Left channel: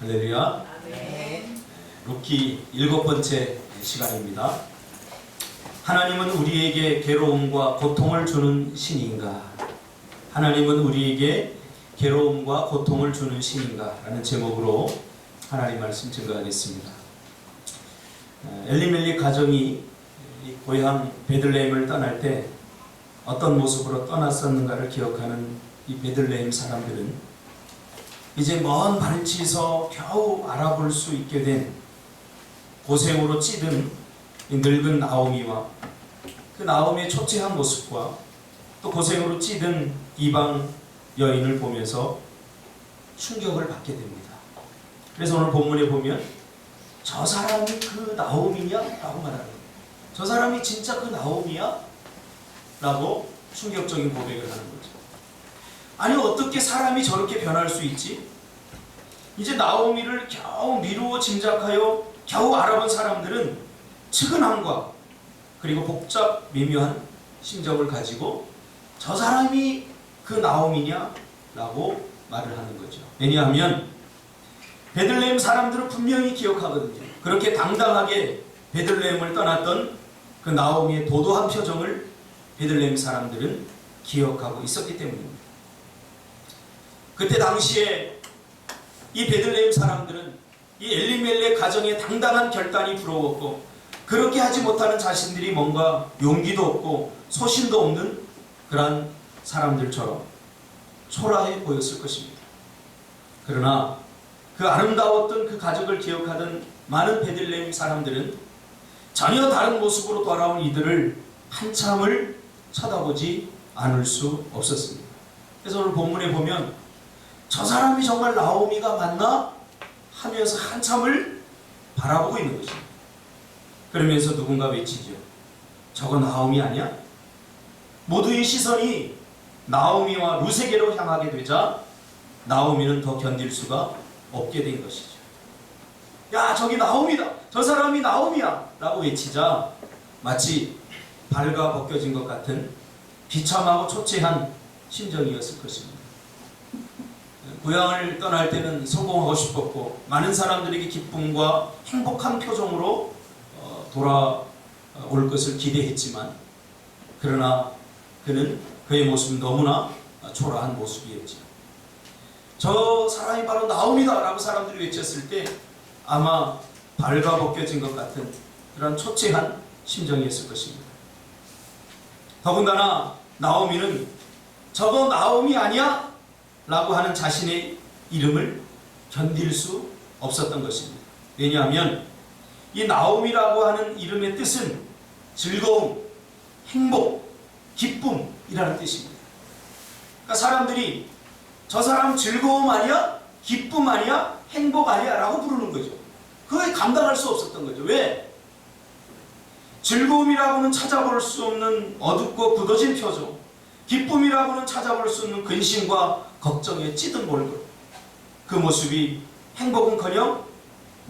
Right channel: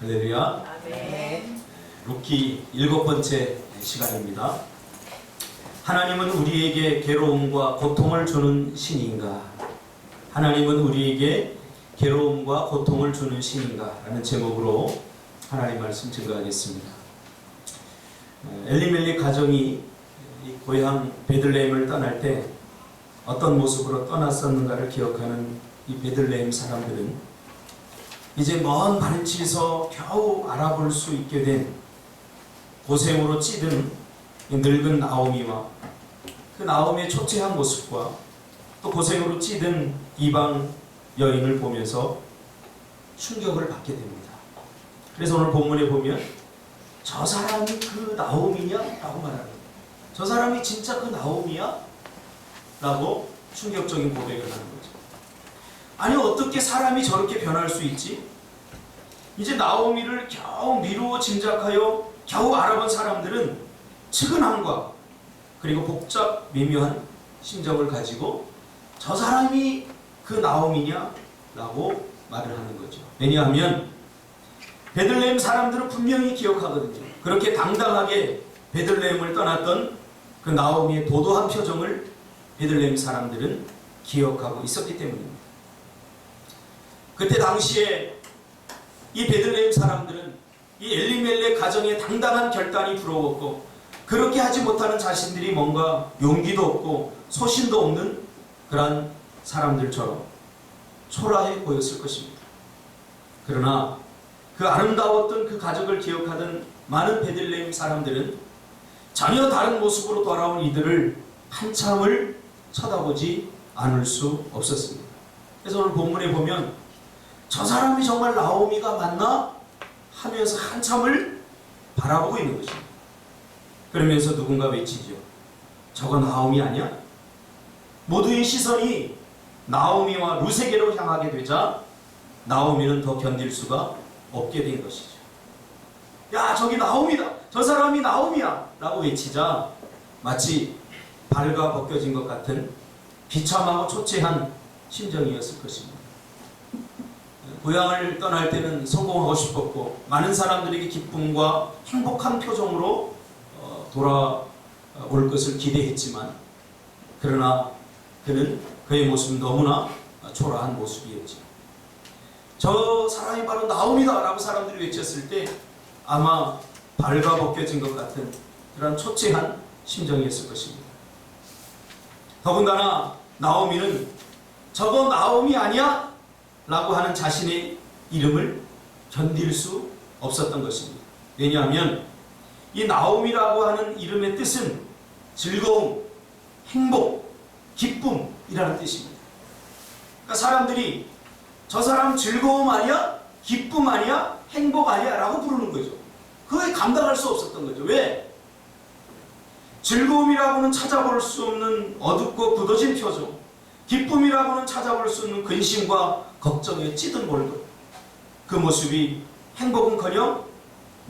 할렐루야. 아멘. 루키 7번째 시간입니다. 하나님은 우리에게 괴로움과 고통을 주는 신인가? 하나님은 우리에게 괴로움과 고통을 주는 신인가? 라는 제목으로 하나님 말씀 증거하겠습니다. 엘리멜렉 가정이 고향 베들레헴을 떠날 때 어떤 모습으로 떠났었는가를 기억하는 이 베들레헴 사람들은 이제 먼 발치에서 겨우 알아볼 수 있게 된 고생으로 찌든 늙은 나오미와 그 나오미의 초췌한 모습과 또 고생으로 찌든 이방 여인을 보면서 충격을 받게 됩니다. 그래서 오늘 본문에 보면 저 사람이 그 나오미냐? 라고 말하는 거예요. 저 사람이 진짜 그 나오미야? 라고 충격적인 고백을 하는 거죠. 아니 어떻게 사람이 저렇게 변할 수 있지? 이제 나오미를 겨우 미루어 짐작하여 겨우 알아본 사람들은 측은함과 그리고 복잡 미묘한 심정을 가지고 저 사람이 그 나오미냐? 라고 말을 하는 거죠. 왜냐하면 베들레헴 사람들은 분명히 기억하거든요. 그렇게 당당하게 베들레헴을 떠났던 그 나오미의 도도한 표정을 베들레헴 사람들은 기억하고 있었기 때문입니다. 그때 당시에 이 베들레헴 사람들은 이 엘리멜렉 가정의 당당한 결단이 부러웠고 그렇게 하지 못하는 자신들이 뭔가 용기도 없고 소신도 없는 그러한 사람들처럼 초라해 보였을 것입니다. 그러나 그 아름다웠던 그 가족을 기억하던 많은 베들레헴 사람들은 전혀 다른 모습으로 돌아온 이들을 한참을 쳐다보지 않을 수 없었습니다. 그래서 오늘 본문에 보면 저 사람이 정말 나오미가 맞나? 하면서 한참을 바라보고 있는 것입니다. 그러면서 누군가 외치죠. 저거 나오미 아니야? 모두의 시선이 나오미와 루세게로 향하게 되자 나오미는 더 견딜 수가 없게 된 것이죠. 야, 저기 나오미다. 저 사람이 나오미야. 라고 외치자 마치 발가 벗겨진 것 같은 비참하고 초췌한 심정이었을 것입니다. 고향을 떠날 때는 성공하고 싶었고 많은 사람들에게 기쁨과 행복한 표정으로 돌아올 것을 기대했지만 그러나 그는 그의 모습은 너무나 초라한 모습이었죠. 저 사람이 바로 나오미다 라고 사람들이 외쳤을 때 아마 발가 벗겨진 것 같은 그런 초췌한 심정이었을 것입니다. 더군다나 나오미는 저거 나오미 아니야? 라고 하는 자신의 이름을 견딜 수 없었던 것입니다. 왜냐하면 이 나오미라고 하는 이름의 뜻은 즐거움, 행복, 기쁨이라는 뜻입니다. 그러니까 사람들이 저 사람 즐거움 아니야? 기쁨 아니야? 행복 아니야? 라고 부르는 거죠. 그거에 감당할 수 없었던 거죠. 왜? 즐거움이라고는 찾아볼 수 없는 어둡고 굳어진 표정, 기쁨이라고는 찾아볼 수 없는 근심과 걱정에 찌든 몰골, 그 모습이 행복은커녕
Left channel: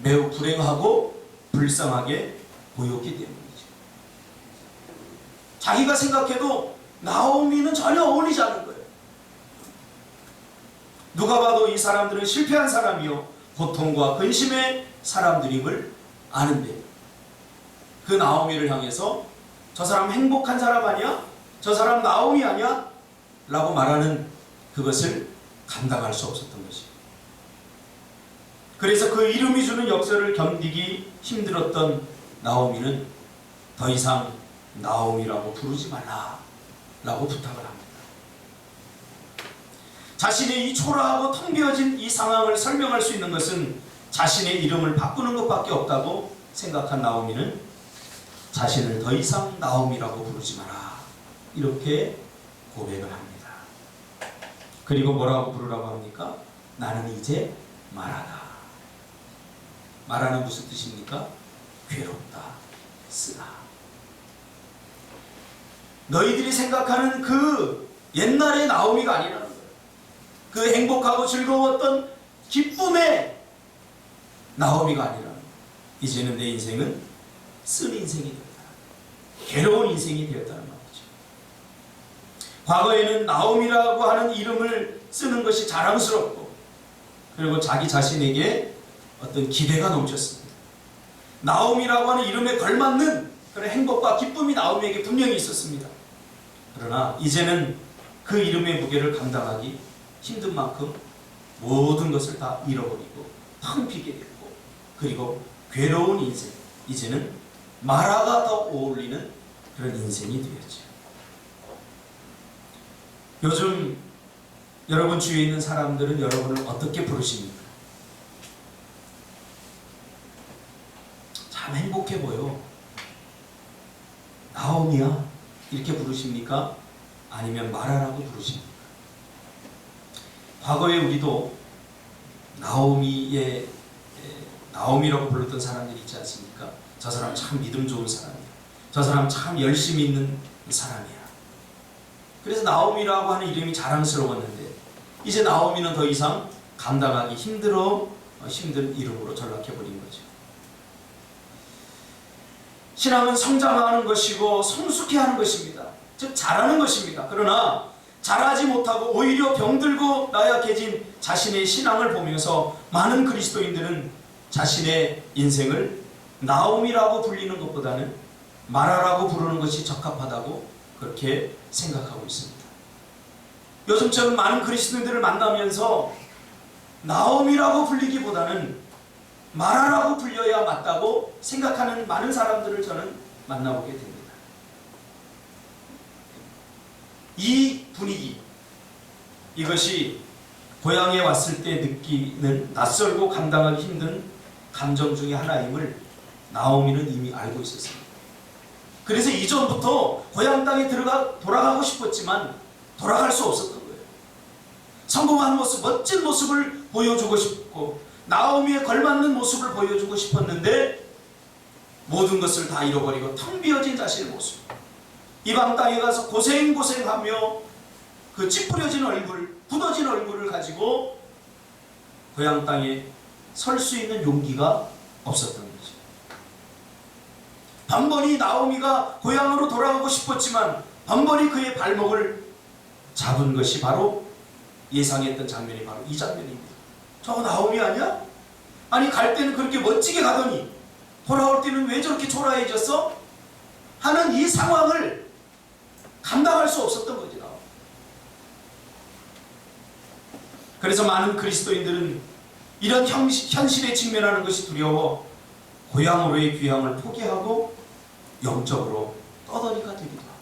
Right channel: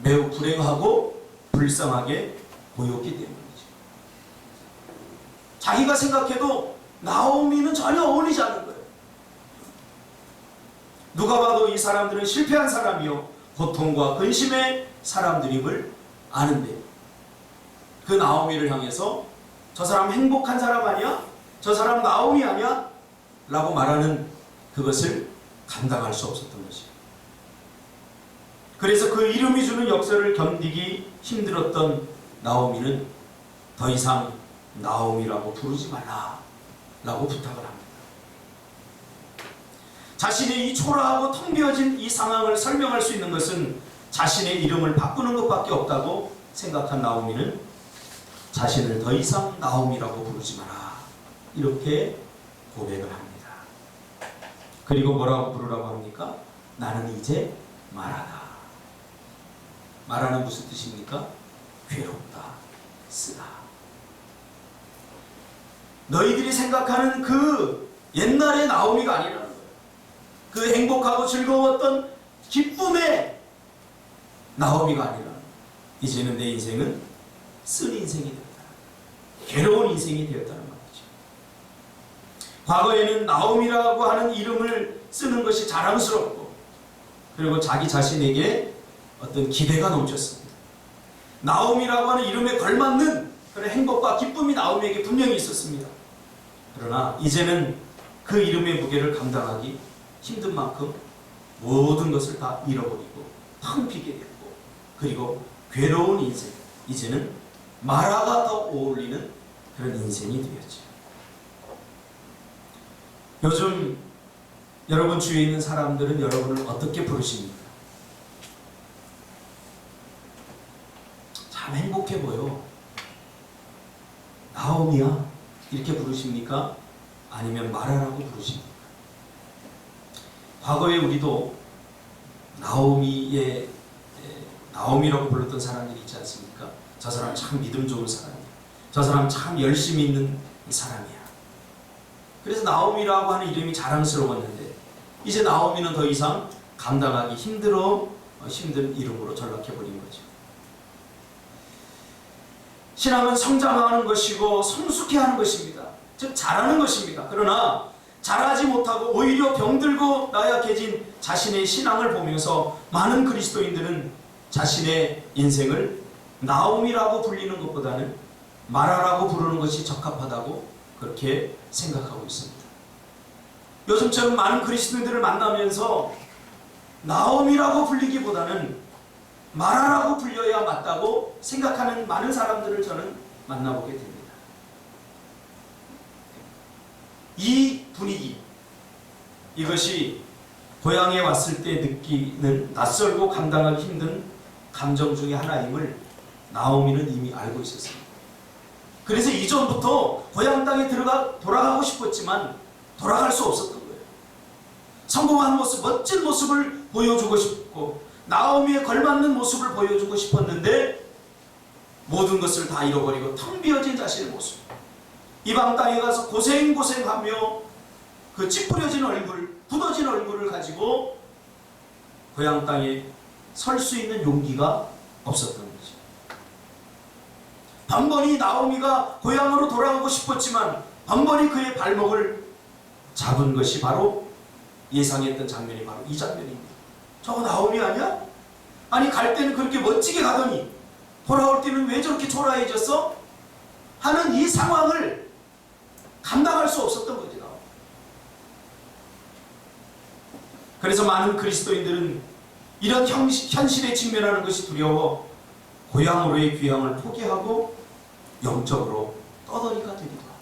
매우 불행하고 불쌍하게 보였기 때문이죠. 자기가 생각해도 나오미는 전혀 어울리지 않는 거예요. 누가 봐도 이 사람들은 실패한 사람이요 고통과 근심의 사람들임을 아는데 그 나오미를 향해서 저 사람 행복한 사람 아니야? 저 사람 나오미 아니야? 라고 말하는 그것을 감당할 수 없었던 것이에요. 그래서 그 이름이 주는 역설을 견디기 힘들었던 나오미는 더 이상 나오미라고 부르지 말라 라고 부탁을 합니다. 자신의 이 초라하고 텅 비어진 이 상황을 설명할 수 있는 것은 자신의 이름을 바꾸는 것밖에 없다고 생각한 나오미는 자신을 더 이상 나오미라고 부르지 마라 이렇게 고백을 합니다. 그리고 뭐라고 부르라고 합니까? 나는 이제 마라다. 마라는 무슨 뜻입니까? 괴롭다, 쓰다. 너희들이 생각하는 그 옛날의 나오미가 아니라는 거예요. 그 행복하고 즐거웠던 기쁨의 나오미가 아니라는 거예요. 이제는 내 인생은 쓴 인생이 되었다. 괴로운 인생이 되었다는 말이죠. 과거에는 나오미라고 하는 이름을 쓰는 것이 자랑스럽고 그리고 자기 자신에게 어떤 기대가 넘쳤습니다. 나오미라고 하는 이름에 걸맞는 그런 행복과 기쁨이 나오미에게 분명히 있었습니다. 그러나 이제는 그 이름의 무게를 감당하기 힘든 만큼 모든 것을 다 잃어버리고 텅 비게 됐고, 그리고 괴로운 인생, 이제는 마라가 더 어울리는 그런 인생이 되었죠. 요즘 여러분 주위에 있는 사람들은 여러분을 어떻게 부르십니까? 참 행복해 보여, 나오미야, 이렇게 부르십니까? 아니면 마라라고 부르십니까? 과거에 우리도 나오미라고 불렀던 사람들이 있지 않습니까? 저 사람 참 믿음 좋은 사람이야, 저 사람 참 열심히 있는 사람이야. 그래서 나오미라고 하는 이름이 자랑스러웠는데, 이제 나오미는 더 이상 감당하기 힘든 이름으로 전락해버린 거죠. 신앙은 성장하는 것이고 성숙해하는 것입니다. 즉 잘하는 것입니다. 그러나 잘하지 못하고 오히려 병들고 나약해진 자신의 신앙을 보면서 많은 그리스도인들은 자신의 인생을 나오미라고 불리는 것보다는 마라라고 부르는 것이 적합하다고 그렇게 생각하고 있습니다. 요즘처럼 많은 그리스도인들을 만나면서 나오미라고 불리기보다는 마라라고 불려야 맞다고 생각하는 많은 사람들을 저는 만나보게 됩니다. 이 분위기, 이것이 고향에 왔을 때 느끼는 낯설고 감당하기 힘든 감정 중에 하나임을 나오미는 이미 알고 있었습니다. 그래서 이전부터 고향 땅에 돌아가고 싶었지만 돌아갈 수 없었던 거예요. 성공한 모습, 멋진 모습을 보여주고 싶고 나오미에 걸맞는 모습을 보여주고 싶었는데 모든 것을 다 잃어버리고 텅 비어진 자신의 모습, 이방 땅에 가서 고생하며 그 찌푸려진 얼굴, 굳어진 얼굴을 가지고 고향 땅에 설 수 있는 용기가 없었던 거죠. 번번이 나오미가 고향으로 돌아가고 싶었지만 번번이 그의 발목을 잡은 것이 바로 예상했던 장면이 바로 이 장면입니다. 저거 나오미 아니야? 아니 갈 때는 그렇게 멋지게 가더니 돌아올 때는 왜 저렇게 초라해졌어? 하는 이 상황을 감당할 수 없었던 거지. 그래서 많은 그리스도인들은 이런 현실에 직면하는 것이 두려워 고향으로의 귀향을 포기하고 영적으로 떠돌이가 되기도 합니다.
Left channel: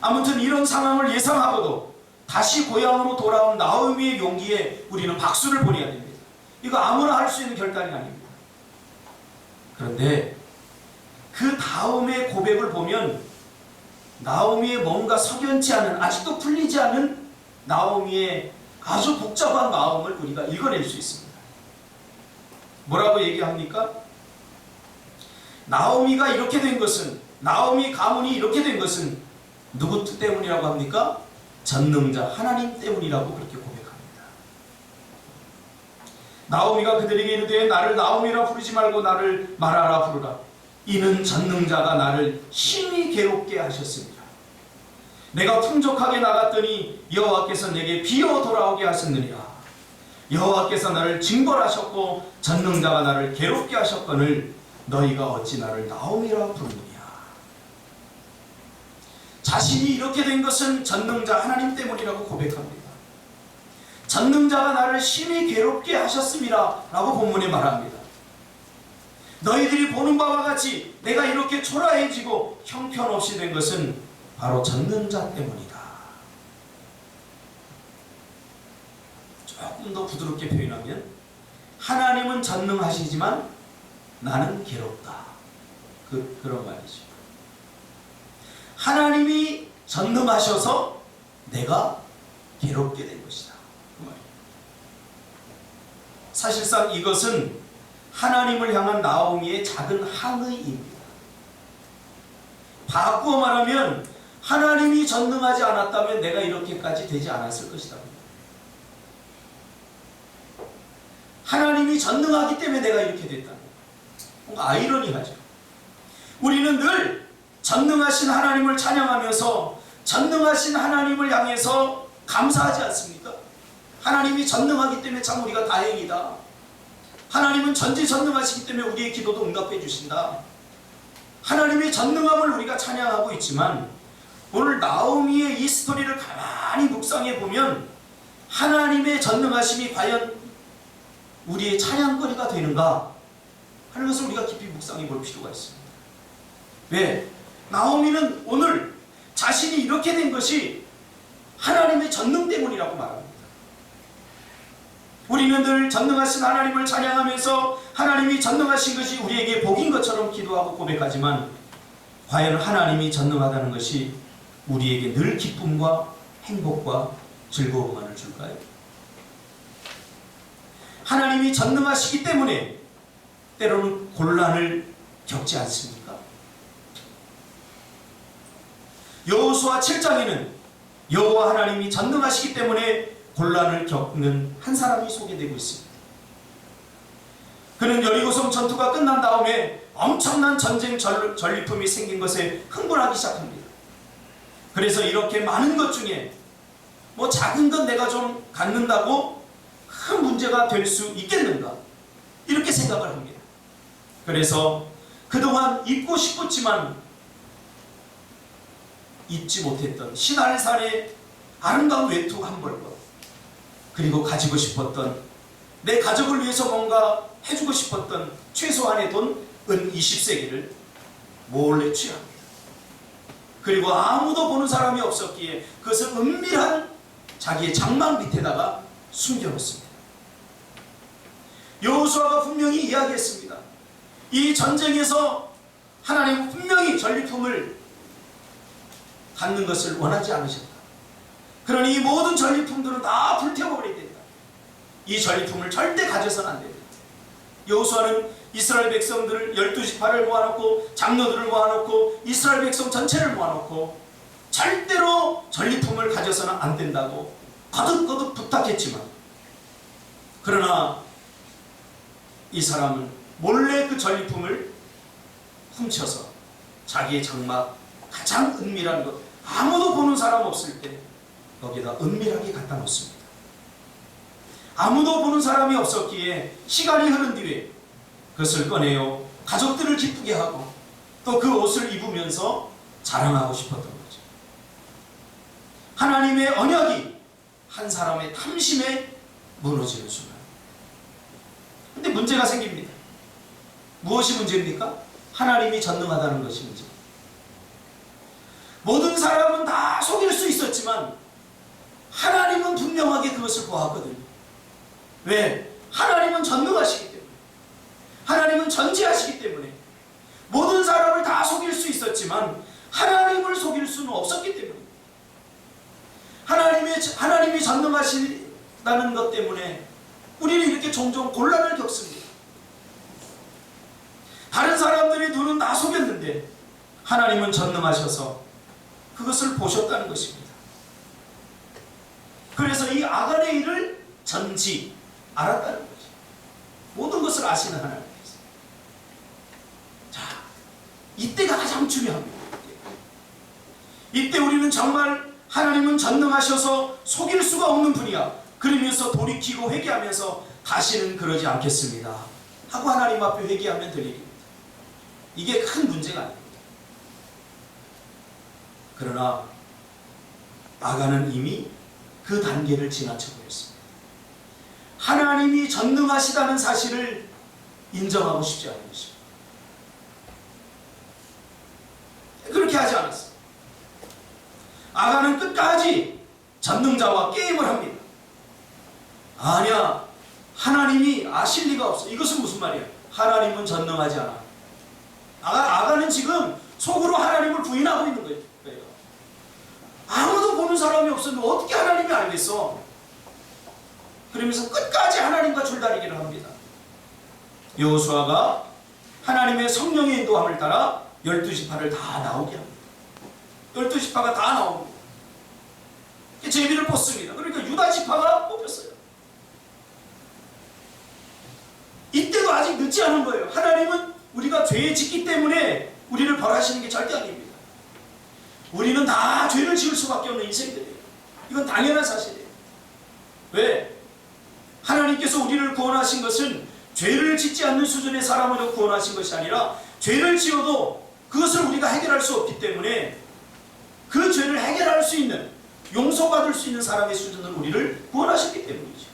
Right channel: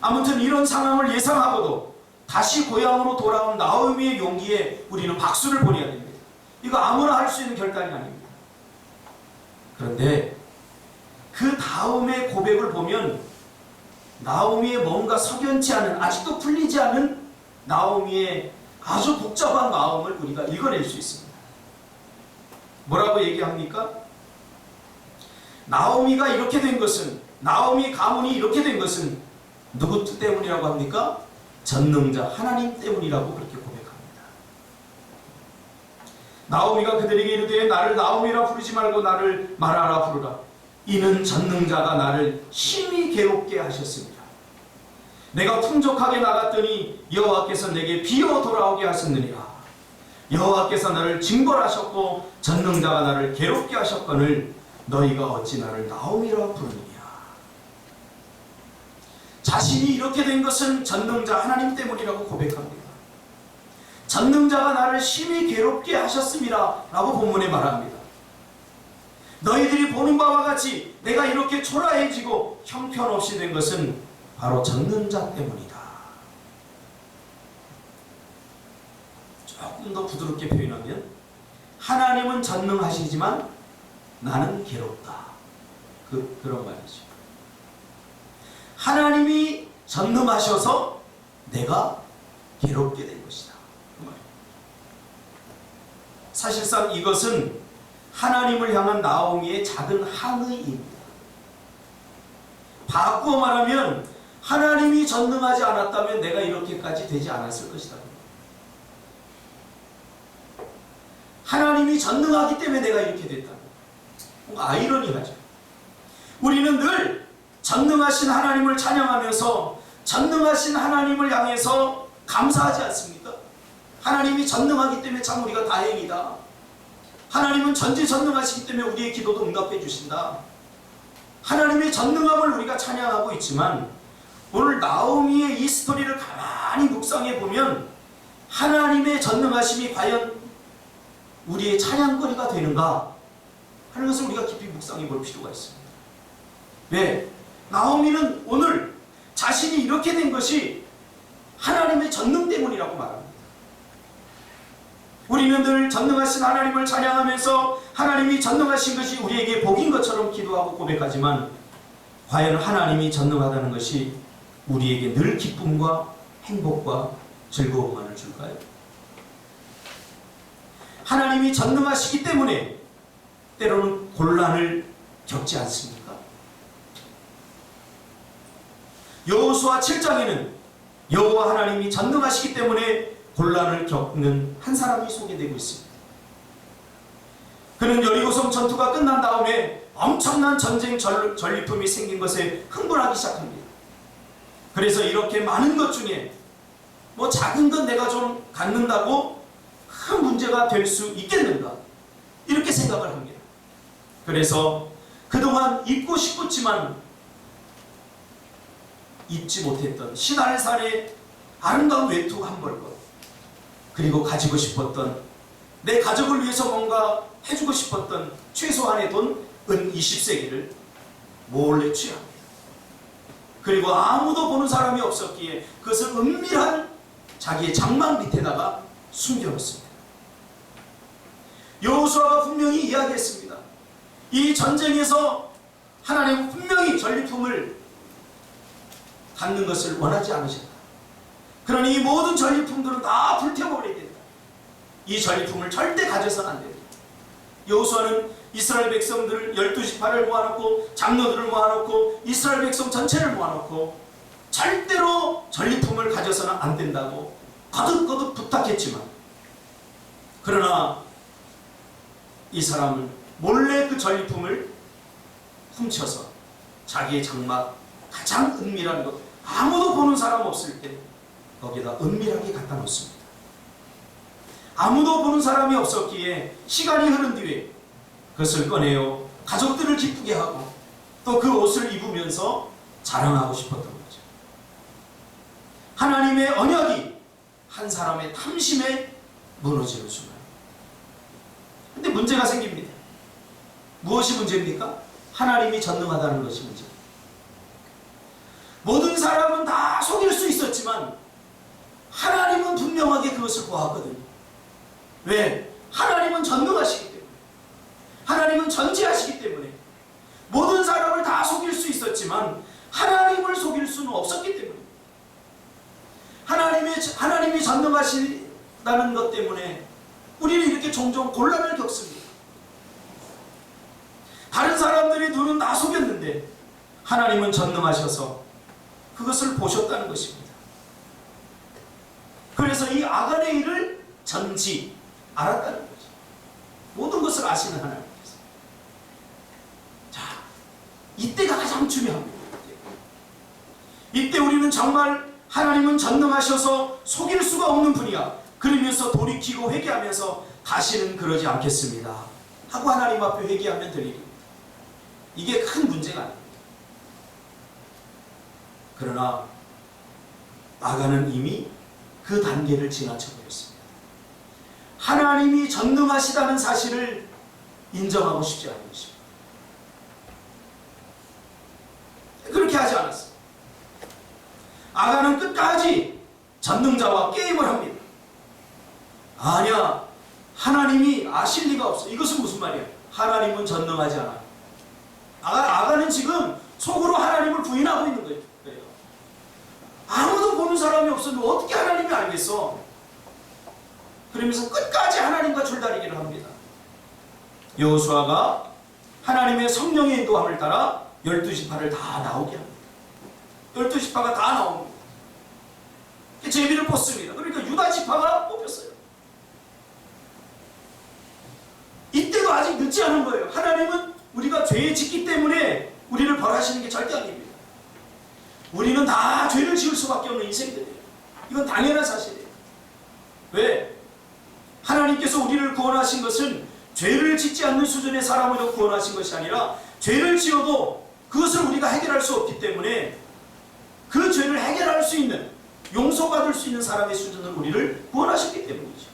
아무튼 이런 상황을 예상하고도 다시 고향으로 돌아온 나오미의 용기에 우리는 박수를 보내야 됩니다. 이거 아무나 할 수 있는 결단이 아닙니다. 그런데 그 다음의 고백을 보면 나오미의 뭔가 석연치 않은, 아직도 풀리지 않은 나오미의 아주 복잡한 마음을 우리가 읽어낼 수 있습니다. 뭐라고 얘기합니까? 나오미가 이렇게 된 것은, 나오미 가문이 이렇게 된 것은 누구 때문이라고 합니까? 전능자 하나님 때문이라고 그렇게 고백합니다. 나오미가 그들에게 이르되 나를 나오미라 부르지 말고 나를 마라라 부르라. 이는 전능자가 나를 심히 괴롭게 하셨습니다. 내가 풍족하게 나갔더니 여호와께서 내게 비어 돌아오게 하셨느니라. 여호와께서 나를 징벌하셨고 전능자가 나를 괴롭게 하셨거늘 너희가 어찌 나를 나오미라 부르느냐. 자신이 이렇게 된 것은 전능자 하나님 때문이라고 고백합니다. 전능자가 나를 심히 괴롭게 하셨습니다 라고 본문에 말합니다. 너희들이 보는 바와 같이 내가 이렇게 초라해지고 형편없이 된 것은 바로 전능자 때문이다. 조금 더 부드럽게 표현하면 하나님은 전능하시지만 나는 괴롭다. 그런 말이죠. 하나님이 전능하셔서 내가 괴롭게 된 것이다. 그 말이에요. 사실상 이것은 하나님을 향한 나오미의 작은 항의입니다. 바꾸어 말하면 하나님이 전능하지 않았다면 내가 이렇게까지 되지 않았을 것이다. 하나님이 전능하기 때문에 내가 이렇게 됐다. 뭔가 아이러니하죠. 우리는 늘 전능하신 하나님을 찬양하면서 전능하신 하나님을 향해서 감사하지 않습니까? 하나님이 전능하기 때문에 참 우리가 다행이다. 하나님은 전지전능하시기 때문에 우리의 기도도 응답해 주신다. 하나님의 전능함을 우리가 찬양하고 있지만 오늘 나오미의 이 스토리를 가만히 묵상해 보면 하나님의 전능하심이 과연 우리의 찬양거리가 되는가 하는 것을 우리가 깊이 묵상해 볼 필요가 있습니다. 왜? 나오미는 오늘 자신이 이렇게 된 것이 하나님의 전능 때문이라고 말합니다. 우리는 늘 전능하신 하나님을 찬양하면서 하나님이 전능하신 것이 우리에게 복인 것처럼 기도하고 고백하지만 과연 하나님이 전능하다는 것이 우리에게 늘 기쁨과 행복과 즐거움만을 줄까요? 하나님이 전능하시기 때문에 때로는 곤란을 겪지 않습니까? 여호수아 7장에는 여호와 하나님이 전능하시기 때문에 곤란을 겪는 한 사람이 소개되고 있습니다. 그는 여리고성 전투가 끝난 다음에 엄청난 전쟁 전리품이 생긴 것에 흥분하기 시작합니다. 그래서 이렇게 많은 것 중에 뭐 작은 것 내가 좀 갖는다고 큰 문제가 될 수 있겠는가 이렇게 생각을 합니다. 그래서 그동안 입고 싶었지만 입지 못했던 신할산의 아름다운 외투 한 벌것, 그리고 가지고 싶었던 내 가족을 위해서 뭔가 해주고 싶었던 최소한의 돈 은 20세기를 몰래 취합니다. 그리고 아무도 보는 사람이 없었기에 그것을 은밀한 자기의 장막 밑에다가 숨겨놓습니다. 여호수아가 분명히 이야기했습니다. 이 전쟁에서 하나님은 분명히 전리품을 갖는 것을 원하지 않으셨다. 그러니 이 모든 전리품들은 다 불태워버려야 된다. 이 전리품을 절대 가져서는 안 된다. 여호수아는 이스라엘 백성들을 12지파를 모아놓고 장로들을 모아놓고 이스라엘 백성 전체를 모아놓고 절대로 전리품을 가져서는 안 된다고 거듭거듭 부탁했지만, 그러나 이 사람은 몰래 그 전리품을 훔쳐서 자기의 장막 가장 은밀한 곳, 아무도 보는 사람 없을 때 거기다 은밀하게 갖다 놓습니다. 아무도 보는 사람이 없었기에 시간이 흐른 뒤에 그것을 꺼내어 가족들을 기쁘게 하고 또 그 옷을 입으면서 자랑하고 싶었던 거죠. 하나님의 언약이 한 사람의 탐심에 무너지는 순간. 근데 문제가 생깁니다. 무엇이 문제입니까? 하나님이 전능하다는 것이 문제입니다. 모든 사람은 다 속일 수 있었지만 하나님은 분명하게 그것을 보았거든요. 왜? 하나님은 전능하시기 때문에, 하나님은 전지하시기 때문에 모든 사람을 다 속일 수 있었지만 하나님을 속일 수는 없었기 때문에, 하나님이 전능하시다는 것 때문에 우리는 이렇게 종종 곤란을 겪습니다. 다른 사람들의 눈은 다 속였는데 하나님은 전능하셔서 그것을 보셨다는 것입니다. 그래서 이 아간의 일을 전지 알았다는 거죠. 모든 것을 아시는 하나님께서. 자, 이때가 가장 중요합니다. 이때 우리는 정말 하나님은 전능하셔서 속일 수가 없는 분이야, 그러면서 돌이키고 회개하면서 다시는 그러지 않겠습니다 하고 하나님 앞에 회개하면 될 일입니다. 이게 큰 문제가 아닙니다. 그러나 아간은 이미 그 단계를 지나쳐 버렸습니다. 하나님이 전능하시다는 사실을 인정하고 싶지 않은 것입니다. 그렇게 하지 않았어요. 아간은 끝까지 전능자와 게임을 합니다. 아니야, 하나님이 아실 리가 없어. 이것은 무슨 말이야? 하나님은 전능하지 않아. 아간은 지금 속으로 하나님을 부인하고 있는 거예요. 아무도 보는 사람이 없었는데 어떻게 하나님이 알겠어? 그러면서 끝까지 하나님과 줄다리기를 합니다. 여호수아가 하나님의 성령의 인도함을 따라 12지파를 다 나오게 합니다. 12지파가 다 나옵니다. 제비를 뽑습니다. 그러니까 유다지파가 뽑혔어요. 이때도 아직 늦지 않은 거예요. 하나님은 우리가 죄에 짓기 때문에 우리를 벌하시는 게 절대 아닙니다. 우리는 다 죄를 지을 수밖에 없는 인생들이에요. 이건 당연한 사실이에요. 왜? 하나님께서 우리를 구원하신 것은 죄를 짓지 않는 수준의 사람으로 구원하신 것이 아니라 죄를 지어도 그것을 우리가 해결할 수 없기 때문에 그 죄를 해결할 수 있는, 용서받을 수 있는 사람의 수준으로 우리를 구원하셨기 때문이죠.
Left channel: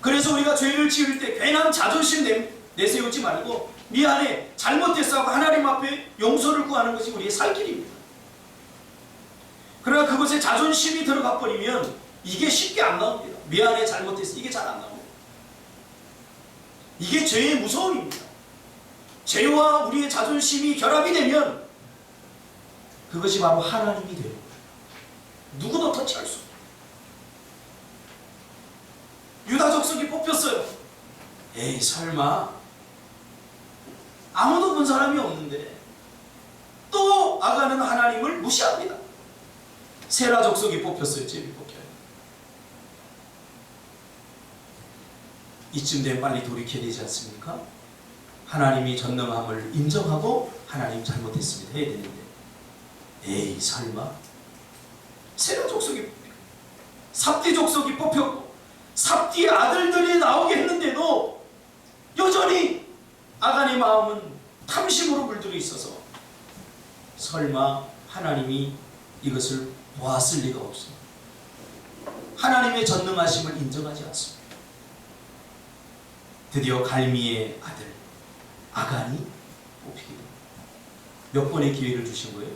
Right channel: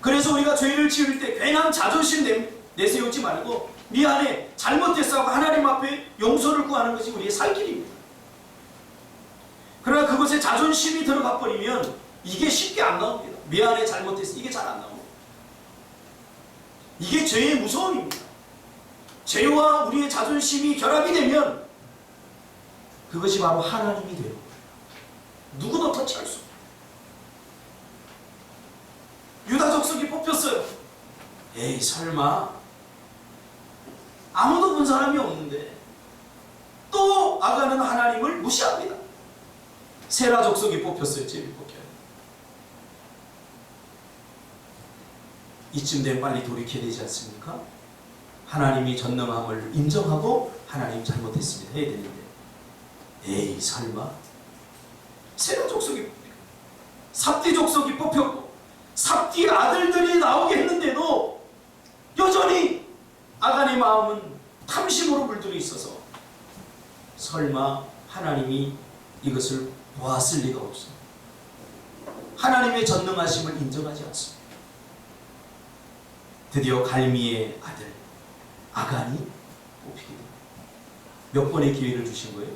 그래서 우리가 죄를 지을 때 괜한 자존심 내세우지 말고 미안해, 잘못했어 하고 하나님 앞에 용서를 구하는 것이 우리의 살 길입니다. 그러나 그것에 자존심이 들어가 버리면 이게 쉽게 안 나옵니다. 미안해, 잘못했어, 이게 잘 안 나옵니다. 이게 죄의 무서움입니다. 죄와 우리의 자존심이 결합이 되면 그것이 바로 하나님이 되는 거예요. 누구도 터치할 수 없어요. 유다 족속이 뽑혔어요. 에이, 설마 아무도 본 사람이 없는데 또 아간은 하나님을 무시합니다. 세라 족속이 뽑혔어요. 제비 뽑혀요. 이쯤 되면 빨리 돌이켜야 되지 않습니까? 하나님이 전능함을 인정하고 하나님 잘못했습니다 해야 되는데, 에이, 설마 세라 족속이 뽑히고 삽디 족속이 뽑혔고 삽디의 아들들이 나오게 했는데도 여전히 아간의 마음은 탐심으로 물들어 있어서 설마 하나님이 이것을 보았을 리가 없습니다. 하나님의 전능하심을 인정하지 않습니다. 드디어 갈미의 아들 아간이 뽑히게 됩니다. 몇 번의 기회를 주신 거예요?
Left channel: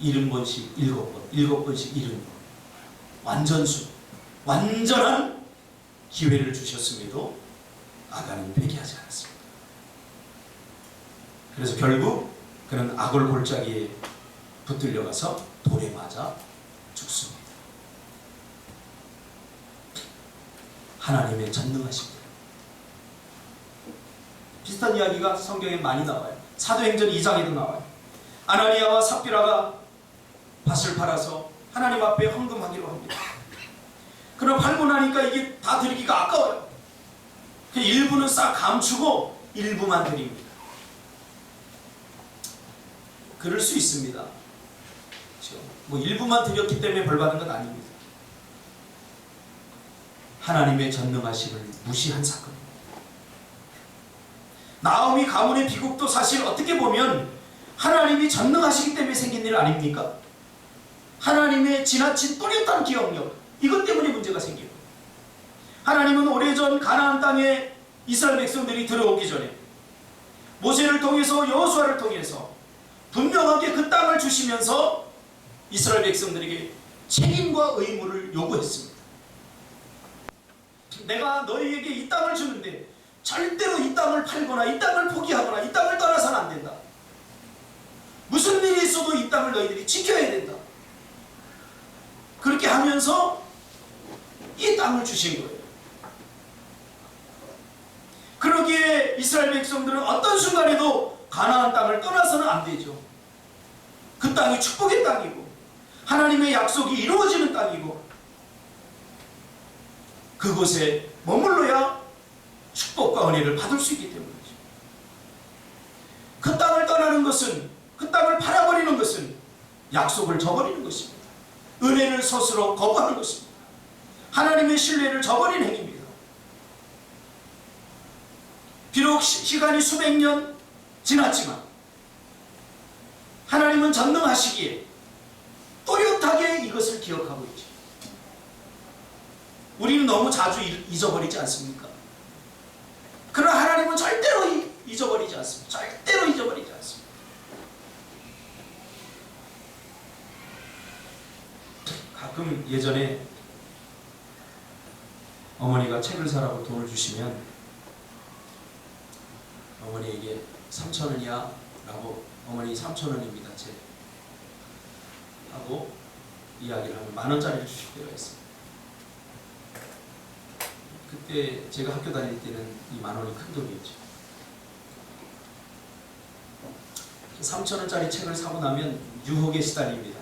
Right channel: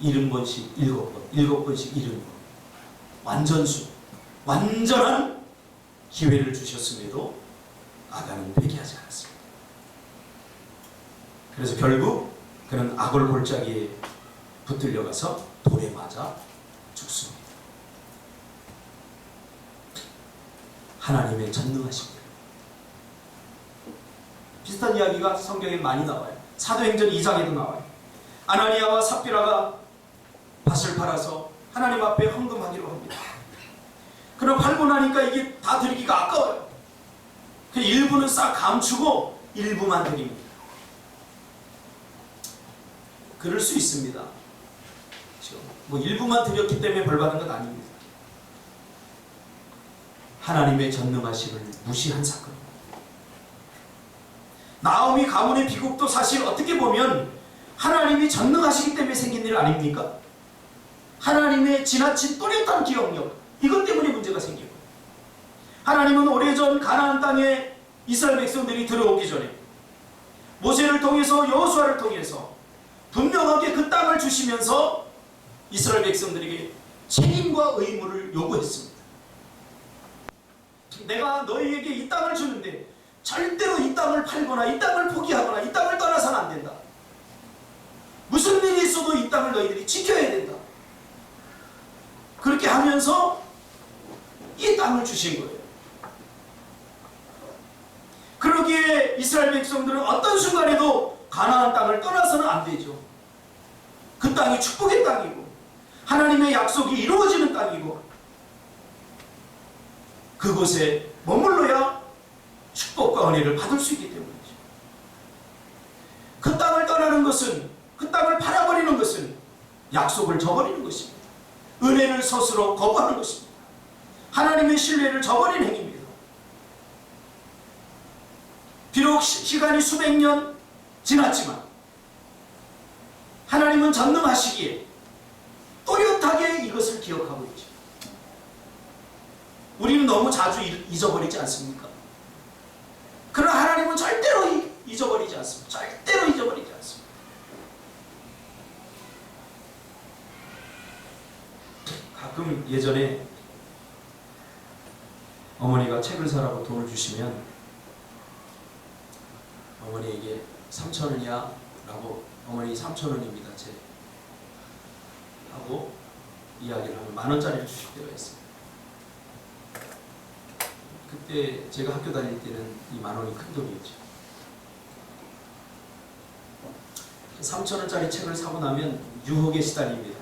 70번씩 7번, 7번씩 70번. 완전수, 완전한 기회를 주셨음에도 아간은 회개하지 않았습니다. 그래서 결국 그는 악을 골짜기에 붙들려 가서 돌에 맞아 죽습니다. 하나님의 전능하십니다. 비슷한 이야기가 성경에 많이 나와요. 사도행전 2장에도 나와요. 아나니아와 삽비라가 밭을 팔아서 하나님 앞에 헌금하기로 합니다. 그럼 팔고 나니까 이게 다 드리기가 아까워요. 그 일부는 싹 감추고 일부만 드립니다. 그럴 수 있습니다. 그렇죠? 뭐 일부만 드렸기 때문에 벌 받은 건 아닙니다. 하나님의 전능하심을 무시한 사건입니다. 나오미 가문의 비극도 사실 어떻게 보면 하나님이 전능하시기 때문에 생긴 일 아닙니까? 하나님의 지나친 또렷한 기억력, 이것 때문에 문제가 생기고, 하나님은 오래전 가나안 땅에 이스라엘 백성들이 들어오기 전에 모세를 통해서 여호수아를 통해서 분명하게 그 땅을 주시면서 이스라엘 백성들에게 책임과 의무를 요구했습니다. 내가 너희에게 이 땅을 주는데 절대로 이 땅을 팔거나 이 땅을 포기하거나 이 땅을 떠나서는 안 된다. 무슨 일이 있어도 이 땅을 너희들이 지켜야 된다. 그렇게 하면서 이 땅을 주신 거예요. 그러기에 이스라엘 백성들은 어떤 순간에도 가나안 땅을 떠나서는 안 되죠. 그 땅이 축복의 땅이고 하나님의 약속이 이루어지는 땅이고 그곳에 머물러야 축복과 은혜를 받을 수 있기 때문이죠. 그 땅을 떠나는 것은, 그 땅을 팔아버리는 것은 약속을 저버리는 것입니다. 은혜를 스스로 거부하는 것입니다. 하나님의 신뢰를 저버리는 행위입니다. 비록 시간이 수백 년 지났지만 하나님은 전능하시기에 또렷하게 이것을 기억하고 있죠. 우리는 너무 자주 잊어버리지 않습니까? 그러나 하나님은 절대로 잊어버리지 않습니다. 절대로 잊어버리지 않습니다. 가끔 예전에 어머니가 책을 사라고 돈을 주시면 어머니에게 3,000원이야 라고, 어머니 3,000원입니다 책 하고 이야기를 하면 10,000원짜리를 주실 때가 있습니다. 그때 제가 학교 다닐 때는 이 10,000원이 큰 돈이었죠. 3,000원짜리 책을 사고 나면 유혹에 시달립니다.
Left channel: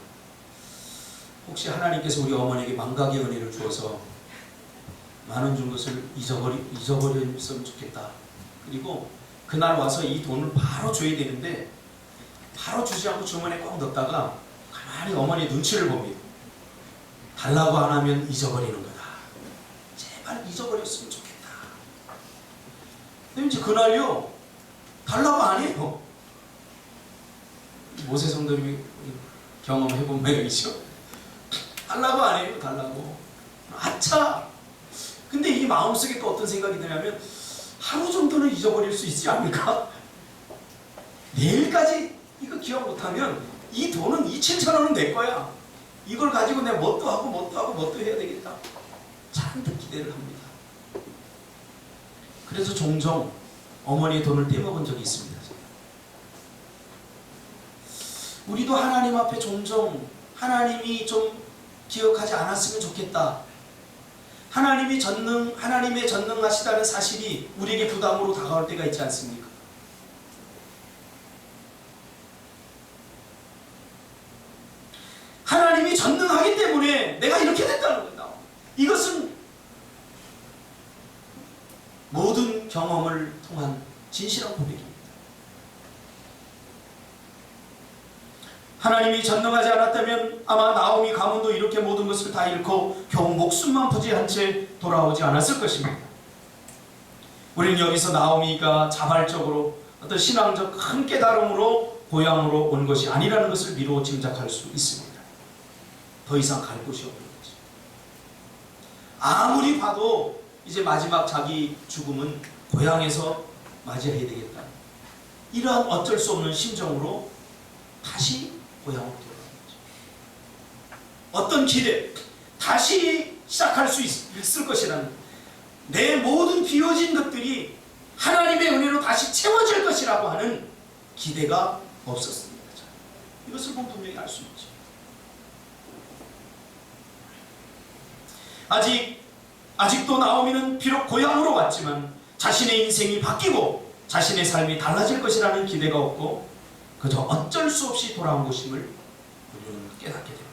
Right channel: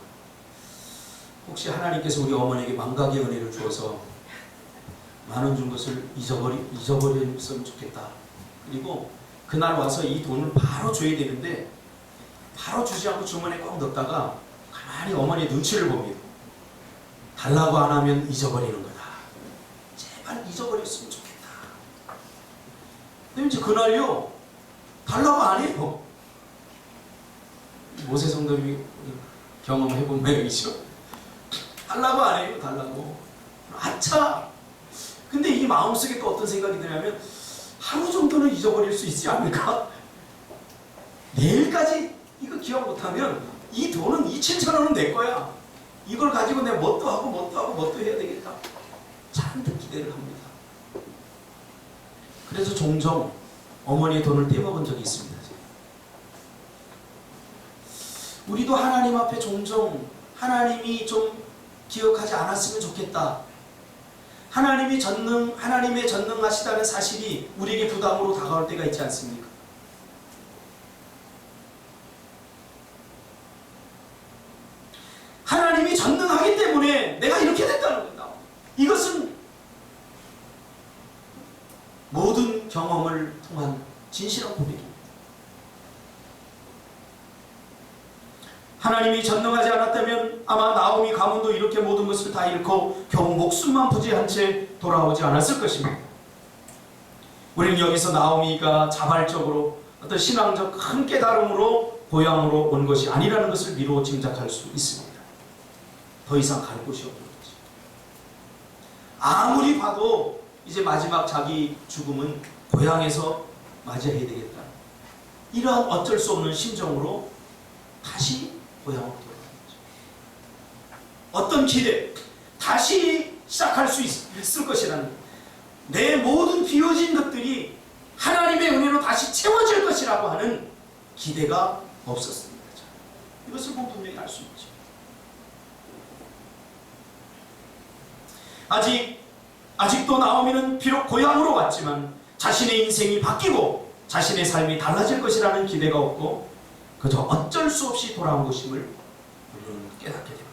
혹시 하나님께서 우리 어머니에게 망각의 은혜를 주어서 10,000원 준 것을 잊어버렸으면 좋겠다. 그리고 그날 와서 이 돈을 바로 줘야 되는데 바로 주지 않고 주머니에 꽉 넣었다가 가만히 어머니의 눈치를 봅니다. 달라고 안 하면 잊어버리는 거다. 제발 잊어버렸으면 좋겠다. 근데 이제 그날요, 달라고 안 해요. 모세 성도님이 경험해본 모양이죠. 달라고 안 해요. 달라고. 아차! 근데 이 마음속에 또 어떤 생각이 드냐면, 하루 정도는 잊어버릴 수 있지 않을까? 내일까지 이거 기억 못하면 이 돈은 2,700원은 내 거야. 이걸 가지고 내가 뭣도 하고 뭣도 하고 뭣도 해야 되겠다. 잔뜩 기대를 합니다. 그래서 종종 어머니의 돈을 떼먹은 적이 있습니다. 우리도 하나님 앞에 종종 하나님이 좀 기억하지 않았으면 좋겠다. 하나님의 전능하시다는 사실이 우리에게 부담으로 다가올 때가 있지 않습니까? 하나님이 전능하기 때문에 내가 이렇게 됐다는 겁니다. 이것은 모든 경험을 통한 진실한 고백입니다. 하나님이 전능하지 않았다면 아마 나오미 가문도 이렇게 모든 것을 다 잃고 겨우 목숨만 부지한 채 돌아오지 않았을 것입니다. 우리는 여기서 나오미가 자발적으로 어떤 신앙적 큰 깨달음으로 고향으로 온 것이 아니라는 것을 미루어 짐작할 수 있습니다. 더 이상 갈 곳이 없는 거죠. 아무리 봐도 이제 마지막 자기 죽음은 고향에서 맞이해야 되겠다. 이러한 어쩔 수 없는 심정으로 다시 고향으로 돌아가는 거죠. 어떤 기대, 다시 시작할 수 있을 것이라는, 내 모든 비워진 것들이 하나님의 은혜로 다시 채워질 것이라고 하는 기대가 없었습니다. 이것을 보면 분명히 알 수 있죠. 아직도 나오미는 비록 고향으로 왔지만 자신의 인생이 바뀌고 자신의 삶이 달라질 것이라는 기대가 없고 그저 어쩔 수 없이 돌아온 것임을 우리는 깨닫게 됩니다.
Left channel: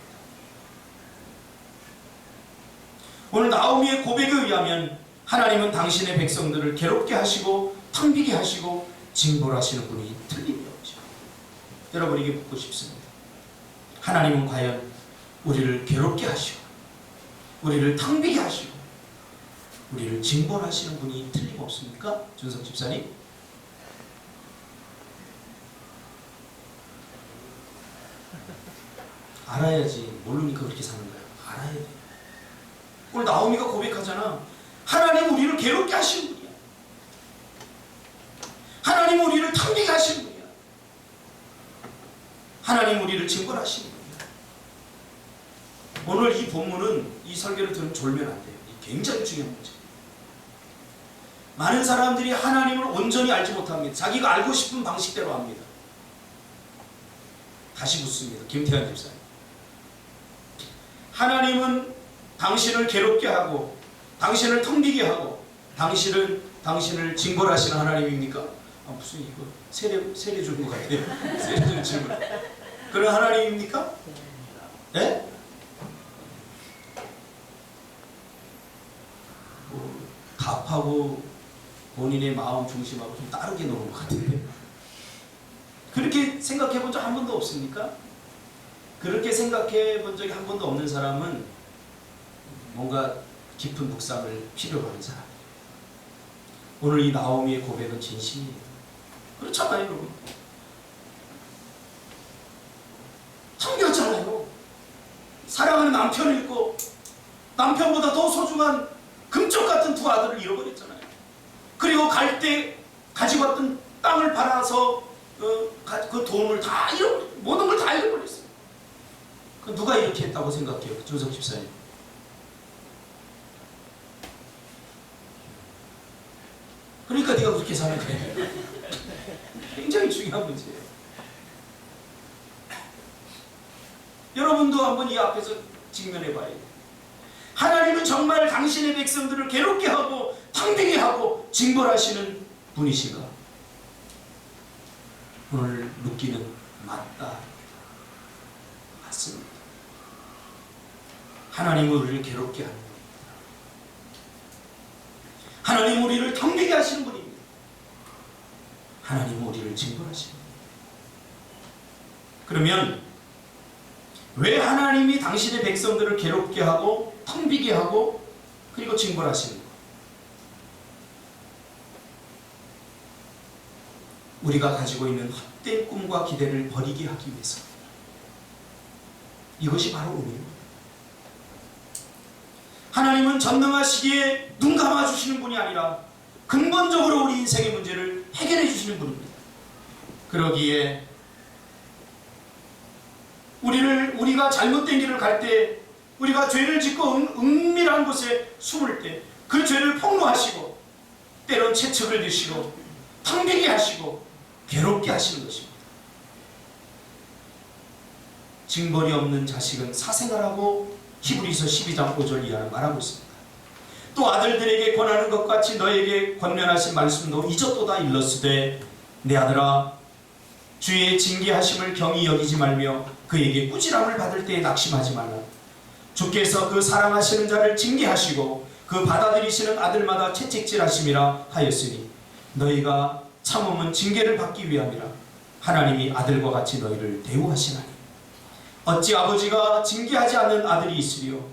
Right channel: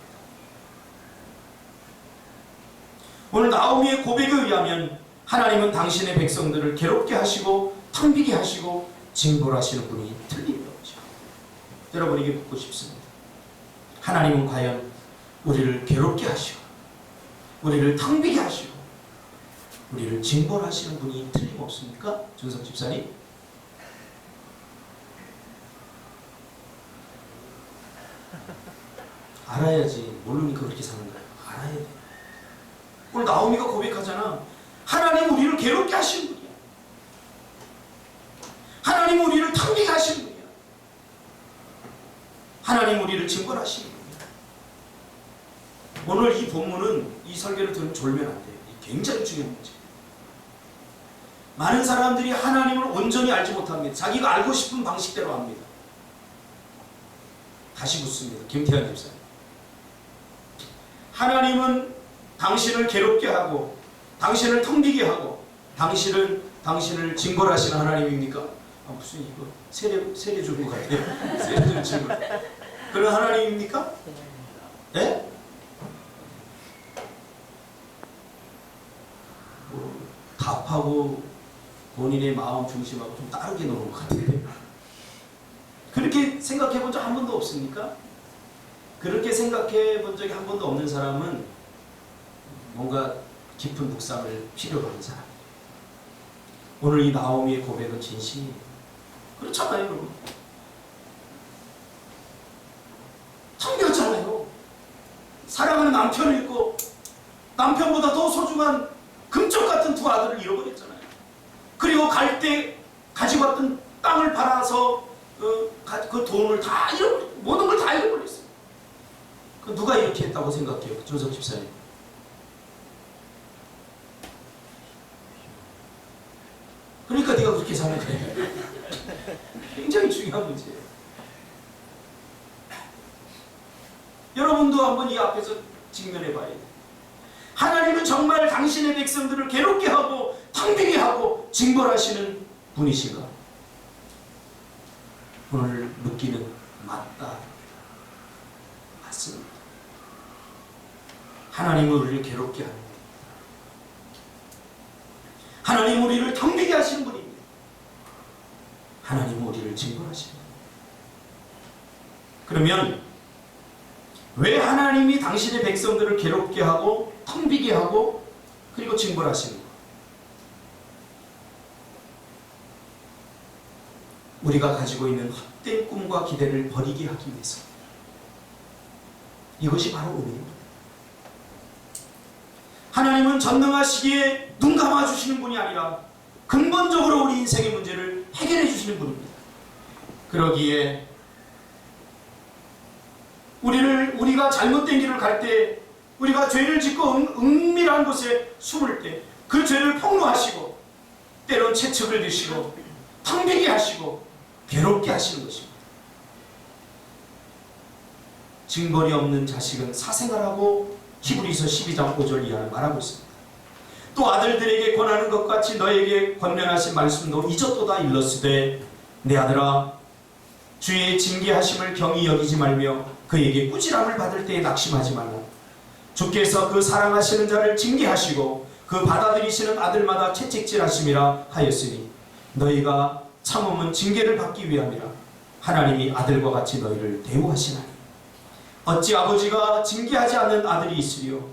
오늘 나오미의 고백에 의하면 하나님은 당신의 백성들을 괴롭게 하시고 텅비게 하시고 징벌하시는 분이 틀림이 없죠. 여러분에게 묻고 싶습니다. 하나님은 과연 우리를 괴롭게 하시고 우리를 텅비게 하시고 우리를 징벌하시는 분이 틀림없습니까? 준석 집사님? 알아야지. 모르니까 그렇게 사는 거야. 알아야 돼. 오늘 나오미가 고백하잖아. 하나님 우리를 괴롭게 하시는 분이야. 하나님 우리를 텅비게 하시는 분이야. 하나님 우리를 징벌하시는 분이야. 오늘 이 본문은, 이 설교를 들으면 졸면 안 돼요. 굉장히 중요한 문제예요. 많은 사람들이 하나님을 온전히 알지 못합니다. 자기가 알고 싶은 방식대로 합니다. 다시 묻습니다. 김태환 집사님. 하나님은 당신을 괴롭게 하고 당신을 텅비게 하고 당신을 징벌하시는 하나님입니까? 무슨 이거 세례 주는 것 같아요. 세례 주는 질문. 그런 하나님입니까? 네? 답하고 본인의 마음 중심하고 좀 다르게 노는 것 같은데, 그렇게 생각해 본 적 한 번도 없습니까? 그렇게 생각해 본 적이 한 번도 없는 사람은 뭔가 깊은 묵상을 필요로 하는 사람이에요. 오늘 이 나오미의 고백은 진심이에요. 그렇잖아요, 여러분. 참겼잖아요. 사랑하는 남편을 잃고 남편보다 더 소중한 금쪽 같은 두 아들을 잃어버렸잖아요. 그리고 갈 때 가지고 왔던 땅을 팔아서 그 돈을 다 잃어버렸어요. 모든 걸 다 잃어버렸어요. 그 누가 이렇게 했다고 생각해요? 조석 집사님. 그러니까 네가 그렇게 사는 거예요. 굉장히 중요한 문제예요. 여러분도 한번 이 앞에서 직면해 봐야 돼요. 하나님은 정말 당신의 백성들을 괴롭게 하고 텅비게 하고 징벌하시는 분이신가? 오늘 묻기는 맞다. 맞습니다. 하나님은 우리를 괴롭게 하는 분입니다. 하나님은 우리를 텅비게 하시는 분입니다. 하나님은 우리를 징벌하시는 분입니다. 그러면 왜 하나님이 당신의 백성들을 괴롭게 하고 텅 비게 하고 그리고 징벌하시는 것? 우리가 가지고 있는 헛된 꿈과 기대를 버리게 하기 위해서. 이것이 바로 은혜입니다. 하나님은 전능하시기에 눈 감아주시는 분이 아니라 근본적으로 우리 인생의 문제를 해결해 주시는 분입니다. 그러기에 우리가 잘못된 길을 갈 때, 우리가 죄를 짓고 은밀한 곳에 숨을 때 그 죄를 폭로하시고 때론 채찍을 드시고 텅비게 하시고 괴롭게 하시는 것입니다. 징벌이 없는 자식은 사생아라고 히브리서 12장 5절 이하는 말하고 있습니다. 또 아들들에게 권하는 것 같이 너에게 권면하신 말씀도 이젓도다 일렀으되 내 아들아 주의 징계하심을 경히 여기지 말며 그에게 꾸지람을 받을 때에 낙심하지 말라. 주께서 그 사랑하시는 자를 징계하시고 그 받아들이시는 아들마다 채찍질하심이라 하였으니 너희가 참음은 징계를 받기 위함이라. 하나님이 아들과 같이 너희를 대우하시나니 어찌 아버지가 징계하지 않는 아들이 있으리요.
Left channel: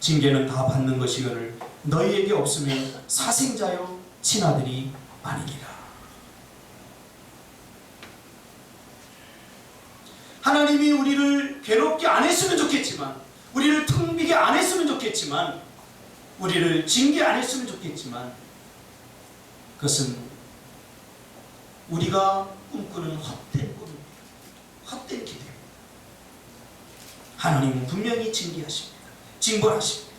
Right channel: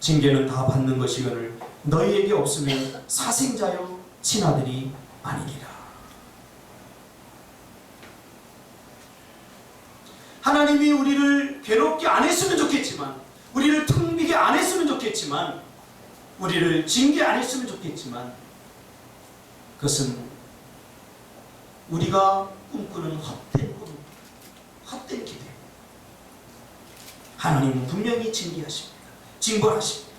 징계는 다 받는 것이거늘 너희에게 없으면 사생자요 친아들이 아니니라. 하나님이 우리를 괴롭게 안 했으면 좋겠지만, 우리를 텅비게 안 했으면 좋겠지만, 우리를 징계 안 했으면 좋겠지만, 그것은 우리가 꿈꾸는 헛된 꿈입니다. 헛된 기대. 하나님은 분명히 징계하십니다. 징벌하십니다.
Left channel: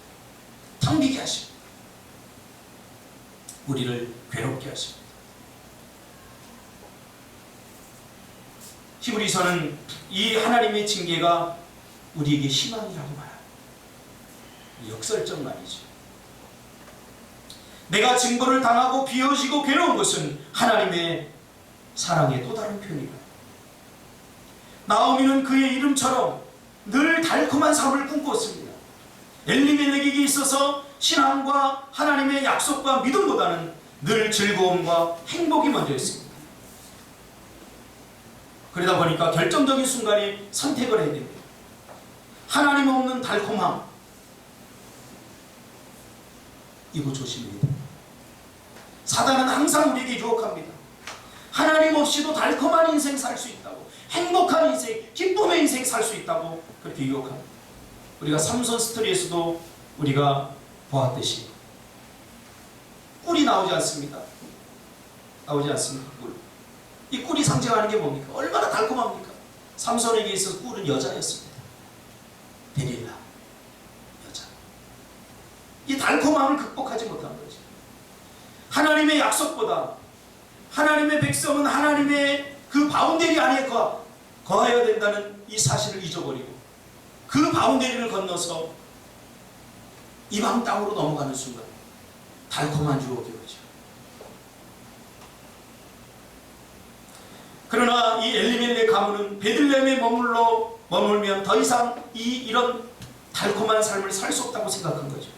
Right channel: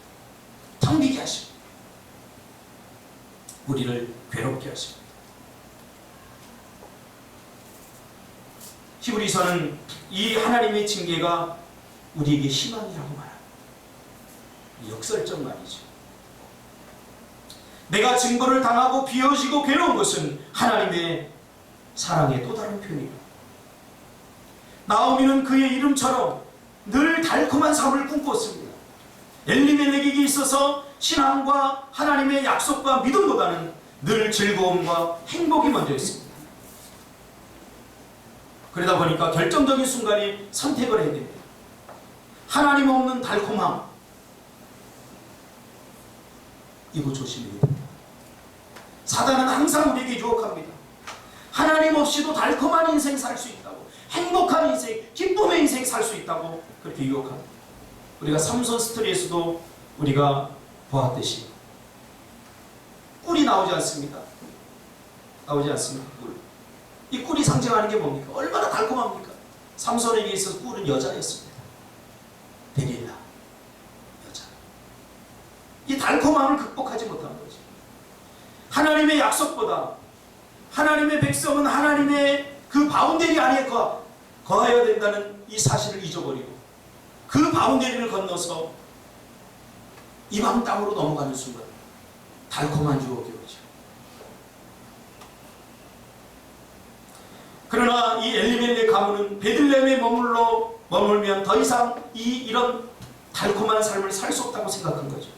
텅비게 하십니다. 우리를 괴롭게 하십니다. 히브리서는 이 하나님의 징계가 우리에게 희망이라고 말합니다. 역설적 말이죠. 내가 징벌을 당하고 비어지고 괴로운 것은 하나님의 사랑의 또 다른 표현이다. 나오미는 그의 이름처럼 늘 달콤한 삶을 꿈꿨습니다. 엘리멜렉에게 있어서 신앙과 하나님의 약속과 믿음보다는 늘 즐거움과 행복이 먼저였습니다. 그러다 보니까 결정적인 순간에 선택을 해야 됩니다. 하나님 없는 달콤함, 이거 조심해야 됩니다. 사단은 항상 우리에게 유혹합니다. 하나님 없이도 달콤한 인생 살 수 있다고, 행복한 인생, 기쁨의 인생 살 수 있다고 그렇게 유혹합니다. 우리가 삼손 스토리에서도 우리가 보았듯이 꿀이 나오지 않습니까? 나오지 않습니까? 꿀. 이 꿀이 상징하는 게 뭡니까? 얼마나 달콤합니까? 삼손에게 있어서 꿀은 여자였습니다. 데릴라, 여자. 이 달콤함을 극복하지 못한 거죠. 하나님의 약속보다 하나님의 백성은 하나님의 그 바운데리 안에 거하여야 된다는 이 사실을 잊어버리고 그 바운데리를 건너서 이방 땅으로 넘어가는 순간 달콤한 유혹이 오죠. 그러나 이 엘리멜렉 가문은 베들레헴에 머물면 더 이상 이런 달콤한 삶을 살 수 없다고 생각한 거죠.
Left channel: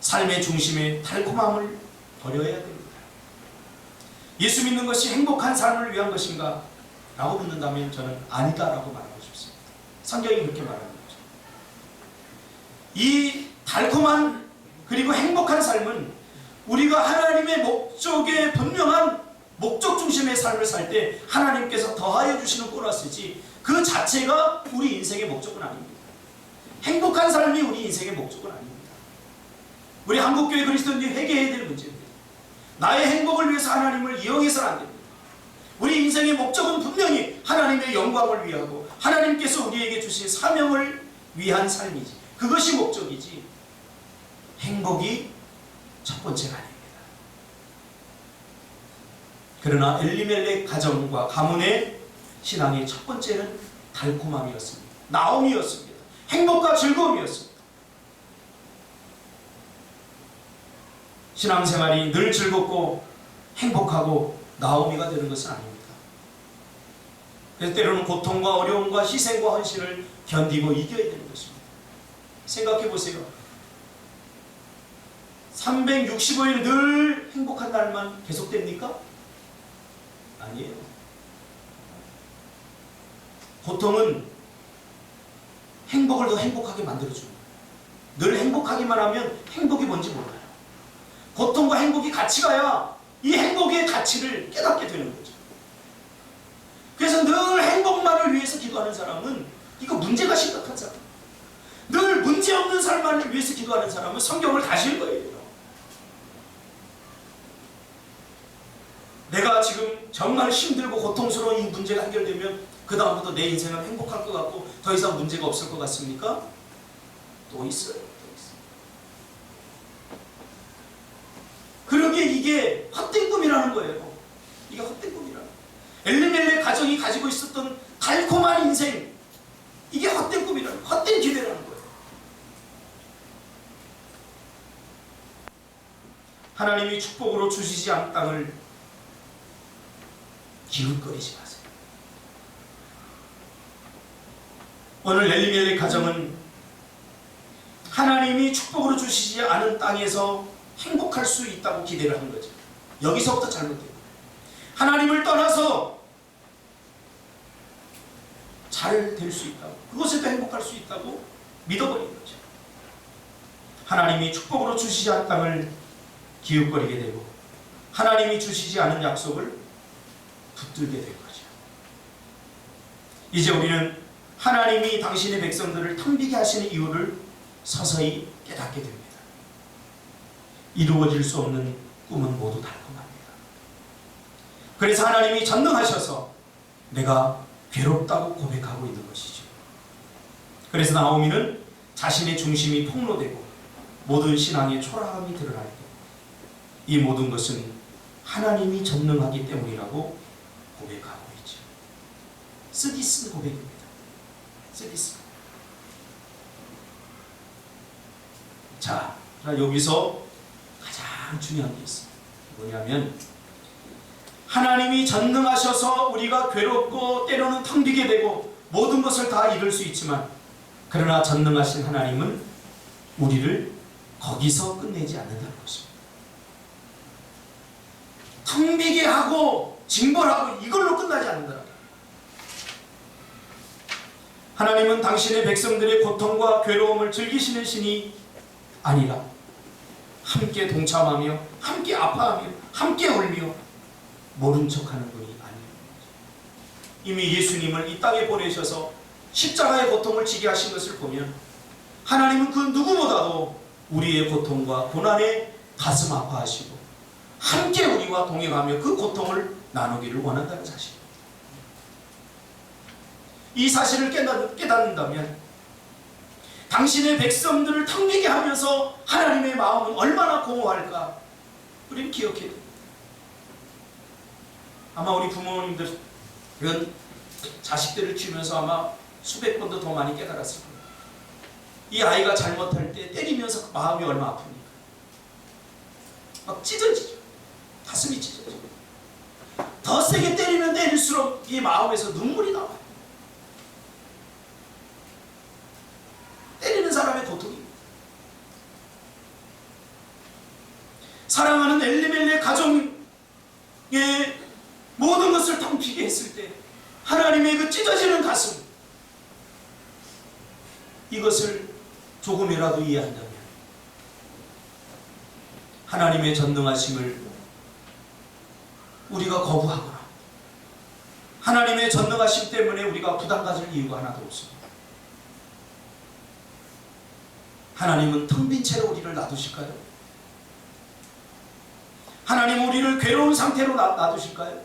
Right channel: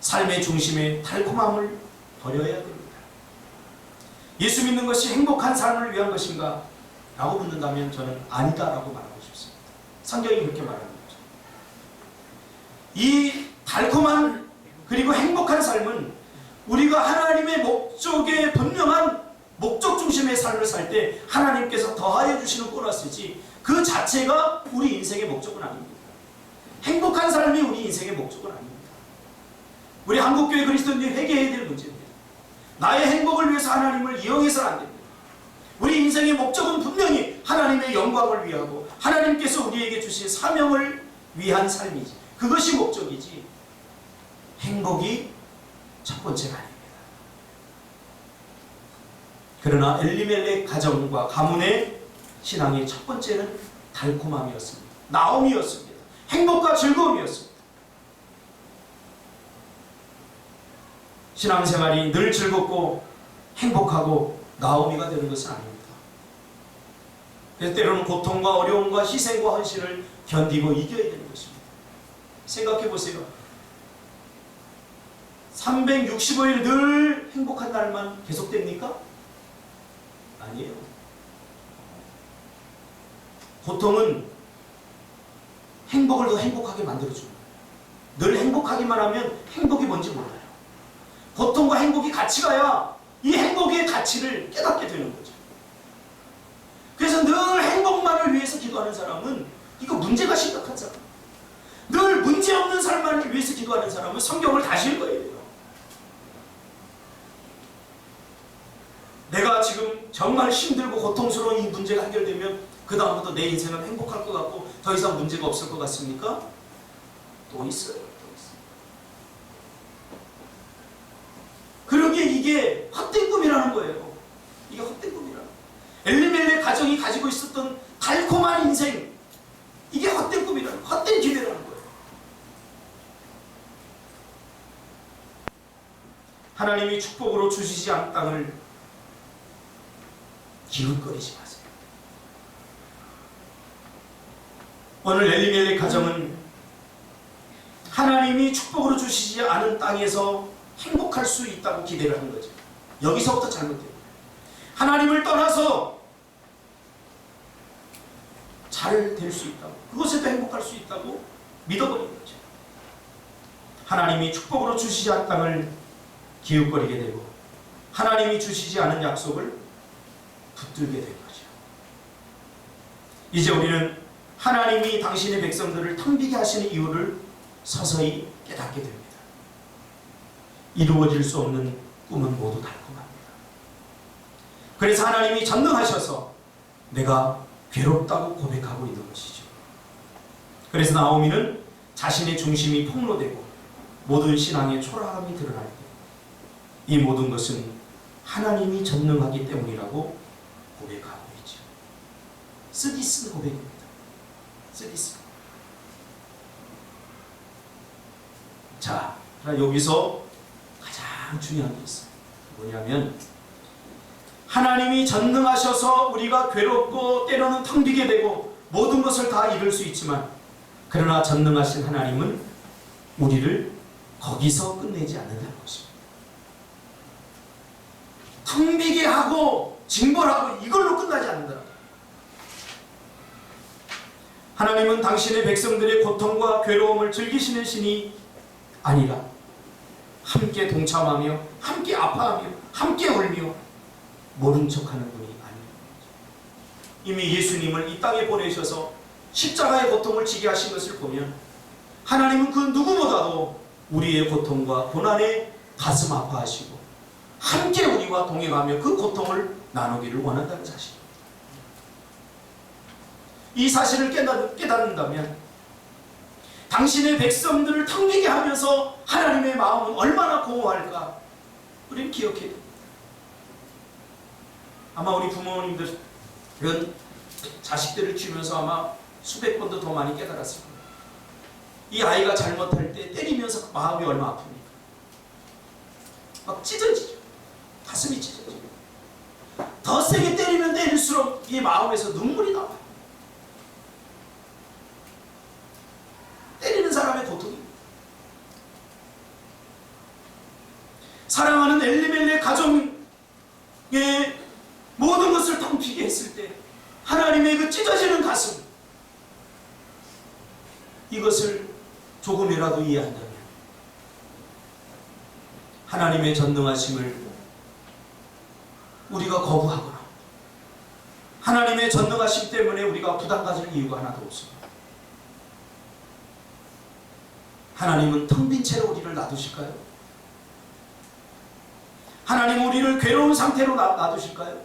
삶의 중심에 달콤함을 버려야 됩니다. 예수 믿는 것이 행복한 삶을 위한 것인가? 라고 묻는다면 저는 아니다라고 말하고 싶습니다. 성경이 그렇게 말하는 거죠. 이 달콤한 그리고 행복한 삶은 우리가 하나님의 목적에 분명한 목적 중심의 삶을 살 때 하나님께서 더하여 주시는 보너스지 그 자체가 우리 인생의 목적은 아닙니다. 행복한 삶이 우리 인생의 목적은 아닙니다. 우리 한국교회 그리스도인들이 회개해야 될 문제입니다. 나의 행복을 위해서 하나님을 이용해서는 안 됩니다. 우리 인생의 목적은 분명히 하나님의 영광을 위하고 하나님께서 우리에게 주신 사명을 위한 삶이지, 그것이 목적이지 행복이 첫 번째가 아닙니다. 그러나 엘리멜렉 가정과 가문의 신앙의 첫 번째는 달콤함이었습니다. 나옴이었습니다. 행복과 즐거움이었습니다. 신앙생활이 늘 즐겁고 행복하고 나오미가 되는 것은 아닙니다. 그래서 때로는 고통과 어려움과 희생과 헌신을 견디고 이겨야 되는 것입니다. 생각해 보세요. 365일 늘 행복한 날만 계속됩니까? 아니에요. 고통은 행복을 더 행복하게 만들어주는 거예요. 늘 행복하기만 하면 행복이 뭔지 몰라요. 고통과 행복이 같이 가야 이 행복의 가치를 깨닫게 되는 거죠. 그래서 늘 행복만을 위해서 기도하는 사람은 이거 문제가 심각하잖아. 늘 문제없는 삶만을 위해서 기도하는 사람은 성경을 다시 읽어야 돼요. 내가 지금 정말 힘들고 고통스러운 이 문제가 해결되면 그 다음부터 내 인생은 행복할 것 같고 더 이상 문제가 없을 것 같습니까? 또 있어요. 또 있어요. 그러기에 이게 헛된 꿈이라는 거예요. 이게 헛된 꿈이라는 거예요. 엘리멜렉 가정이 가지고 있었던 달콤한 인생, 이게 헛된 꿈이라는 거예요. 헛된 기대라는 거예요. 하나님이 축복으로 주시지 않은 땅을 기웃거리지 마세요. 오늘 엘리멜렉 가정은 하나님이 축복으로 주시지 않은 땅에서 행복할 수 있다고 기대를 한 거죠. 여기서부터 잘못된 거예요. 하나님을 떠나서 잘 될 수 있다고, 그곳에도 행복할 수 있다고 믿어버린 거죠. 하나님이 축복으로 주시지 않은 땅을 기웃거리게 되고 하나님이 주시지 않은 약속을 붙들게 된 거죠. 이제 우리는 하나님이 당신의 백성들을 텅비게 하시는 이유를 서서히 깨닫게 됩니다. 이루어질 수 없는 꿈은 모두 달콤합니다. 그래서 하나님이 전능하셔서 내가 괴롭다고 고백하고 있는 것이죠. 그래서 나오미는 자신의 중심이 폭로되고 모든 신앙의 초라함이 드러날 때 이 모든 것은 하나님이 전능하기 때문이라고 고백하고 있죠. 쓰디쓴 고백입니다. 쓰디쓴. 자, 여기서 가장 중요한 게 있어요. 뭐냐면 하나님이 전능하셔서 우리가 괴롭고 때로는 텅 비게 되고 모든 것을 다 잃을 수 있지만 그러나 전능하신 하나님은 우리를 거기서 끝내지 않는다는 것입니다. 텅 비게 하고 징벌하고 이걸로 끝나지 않는다. 하나님은 당신의 백성들의 고통과 괴로움을 즐기시는 신이 아니라 함께 동참하며 함께 아파하며 함께 울며 모른 척하는 분이 아닙니다. 이미 예수님을 이 땅에 보내셔서 십자가의 고통을 지게 하신 것을 보면 하나님은 그 누구보다도 우리의 고통과 고난에 가슴 아파하시고 함께 우리와 동행하며 그 고통을 나누기를 원한다는 사실입니다. 이 사실을 깨닫는다면 당신의 백성들을 텅비게 하면서 하나님의 마음은 얼마나 공허할까 우리는 기억해야 됩니다. 아마 우리 부모님들은 자식들을 키우면서 아마 수백 번도 더 많이 깨달았을 겁니다. 이 아이가 잘못할 때 때리면서 마음이 얼마나 아픕니까? 막 찢어지죠. 가슴이 찢어지죠. 더 세게 때리면 때릴수록 이 마음에서 눈물이 나와요. 때리는 사람의 고통입니다. 사랑하는 엘리멜렉 가정의 모든 것을 텅비게 했을 때 하나님의 그 찢어지는 가슴, 이것을 조금이라도 이해한다면 하나님의 전능하심을 우리가 거부하거나 하나님의 전능하심 때문에 우리가 부담 가질 이유가 하나도 없습니다. 하나님은 텅 빈 채로 우리를 놔두실까요? 하나님은 우리를 괴로운 상태로 놔두실까요?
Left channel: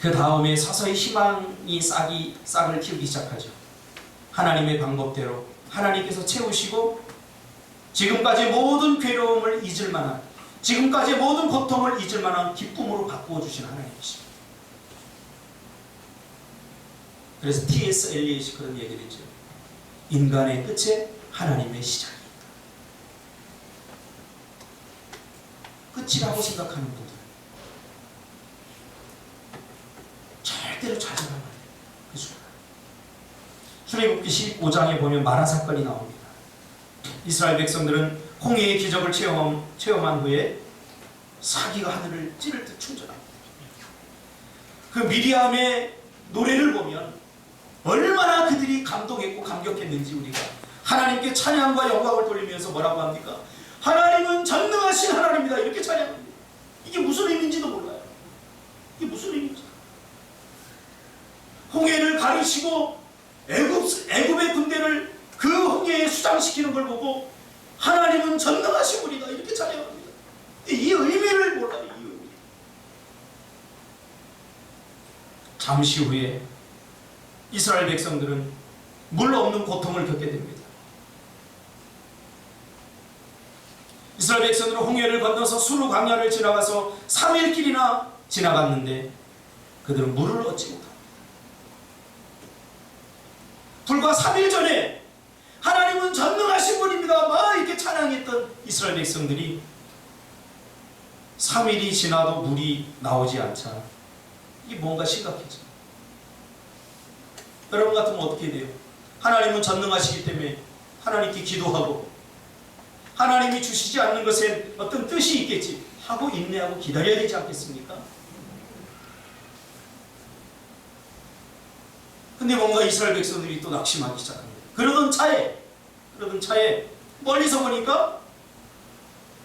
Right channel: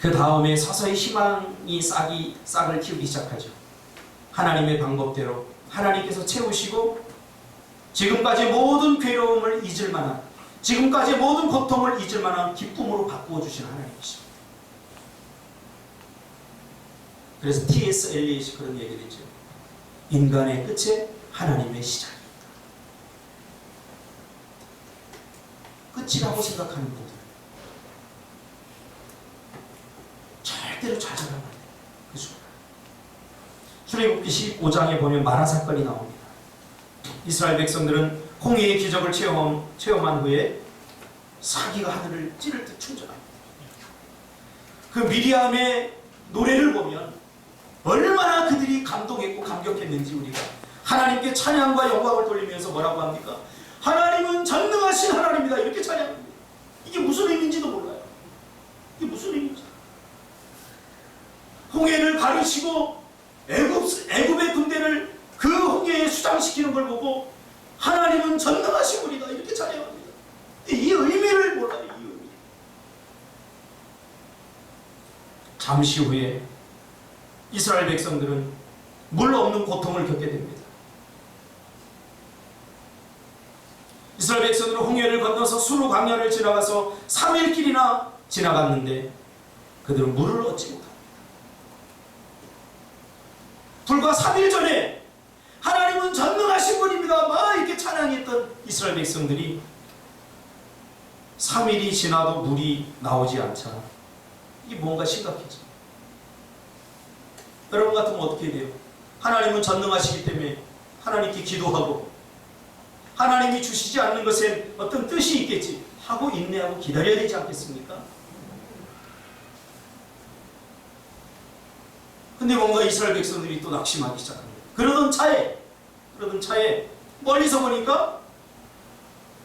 그 다음에 서서히 희망이 싹을 키우기 시작하죠. 하나님의 방법대로 하나님께서 채우시고 지금까지 모든 괴로움을 잊을 만한, 지금까지 모든 고통을 잊을 만한 기쁨으로 바꾸어 주시는 하나님이십니다. 그래서 T.S. 엘리엇이 그런 얘기를 했죠. 인간의 끝에 하나님의 시작이 있다. 끝이라고 생각하는 분들 절대로 좌절하면 안 돼요. 그 순간. 출애굽기 15장에 보면 마라 사건이 나옵니다. 이스라엘 백성들은 홍해의 기적을 체험한 후에 사기가 하늘을 찌를 듯 충전합니다. 그 미리암의 노래를 보면 얼마나 그들이 감동했고 감격했는지 우리가 하나님께 찬양과 영광을 돌리면서 뭐라고 합니까? 하나님은 전능하신 하나님이다 이렇게 찬양합니다. 이게 무슨 의미인지도 몰라요. 이게 무슨 의미인지. 홍해를 가르시고 애굽의 군대를 그 홍해에 수장시키는 걸 보고 하나님은 전능하신 분이다 이렇게 찬양합니다. 이 의미를 몰라요. 이 의미. 잠시 후에 이스라엘 백성들은 물 없는 고통을 겪게 됩니다. 이스라엘 백성들은 홍해를 건너서 수르 광야를 지나가서 3일길이나 지나갔는데 그들은 물을 얻지 못합니다. 불과 3일 전에 하나님은 전능하신 분입니다 막 이렇게 찬양했던 이스라엘 백성들이 3일이 지나도 물이 나오지 않자 이게 뭔가 심각해져. 여러분 같으면 어떻게 돼요? 하나님은 전능하시기 때문에 하나님께 기도하고 하나님이 주시지 않는 것엔 어떤 뜻이 있겠지 하고 인내하고 기다려야 되지 않겠습니까? 근데 뭔가 이스라엘 백성들이 또 낙심하기 시작합니다. 그러던 차에 멀리서 보니까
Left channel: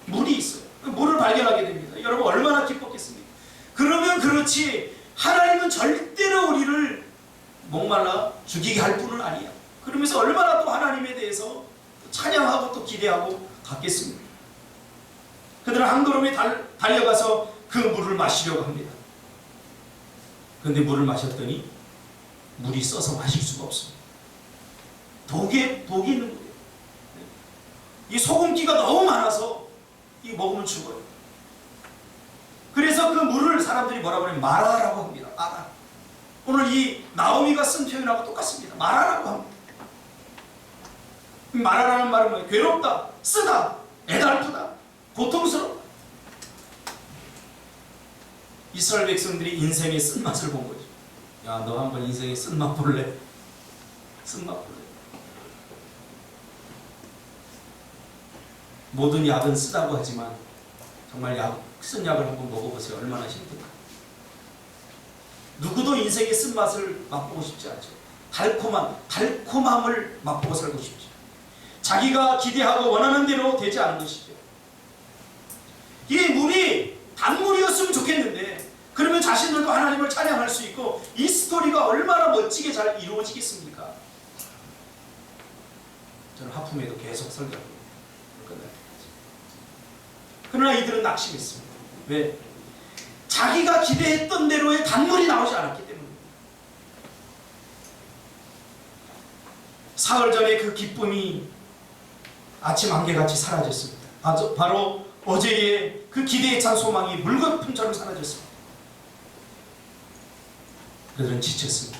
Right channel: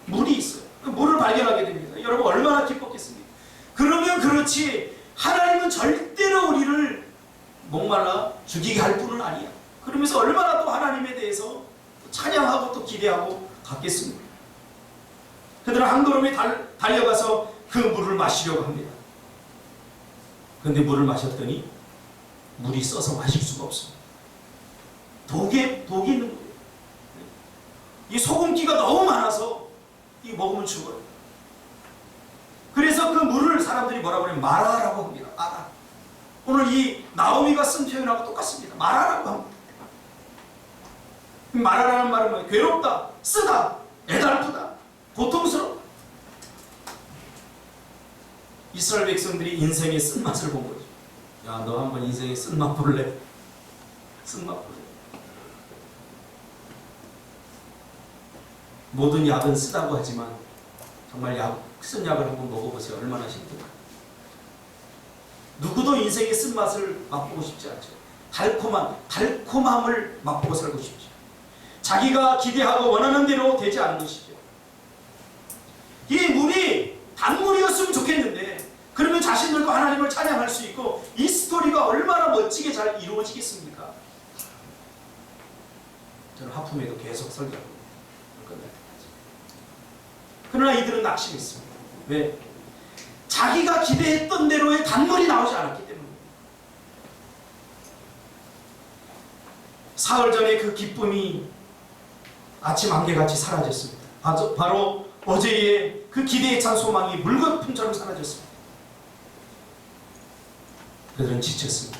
물이 있어요. 물을 발견하게 됩니다. 여러분 얼마나 기뻤겠습니까? 그러면 그렇지 하나님은 절대로 우리를 목말라 죽이게 할 분은 아니야. 그러면서 얼마나 또 하나님에 대해서 찬양하고 또 기대하고 갔겠습니까? 그들은 한 걸음에 달려가서 그 물을 마시려고 합니다. 그런데 물을 마셨더니 물이 써서 마실 수가 없습니다. 독이 있는 거예요. 이 소금기가 너무 많아서 이 먹으면 죽어요. 그래서 그 물을 사람들이 뭐라고 하냐면 마라라고 합니다. 마라. 오늘 이 나오미가 쓴 표현하고 똑같습니다. 마라라고 합니다. 마라라는 말은 뭐예요? 괴롭다, 쓰다, 애달프다, 고통스럽다. 이스라엘 백성들이 인생의 쓴맛을 본 거죠. 야, 너 한번 인생의 쓴맛 볼래? 쓴맛 볼래? 모든 약은 쓰다고 하지만 정말 쓴 약을 한번 먹어보세요. 얼마나 힘들까. 누구도 인생의 쓴맛을 맛보고 싶지 않죠. 달콤함을 맛보고 살고 싶죠. 자기가 기대하고 원하는 대로 되지 않는 것이죠. 이 물이 단물이었으면 좋겠는데 그러면 자신들도 하나님을 찬양할 수 있고 이 스토리가 얼마나 멋지게 잘 이루어지겠습니까? 저는 하품에도 계속 설교하고 끝날 때까지. 그러나 이들은 낙심했습니다. 왜? 자기가 기대했던 대로의 단물이 나오지 않았기 때문입니다. 사흘 전에 그 기쁨이 아침 안개같이 사라졌습니다. 바로 어제의 그 기대에 찬 소망이 물거품처럼 사라졌습니다. 그들은 지쳤습니다.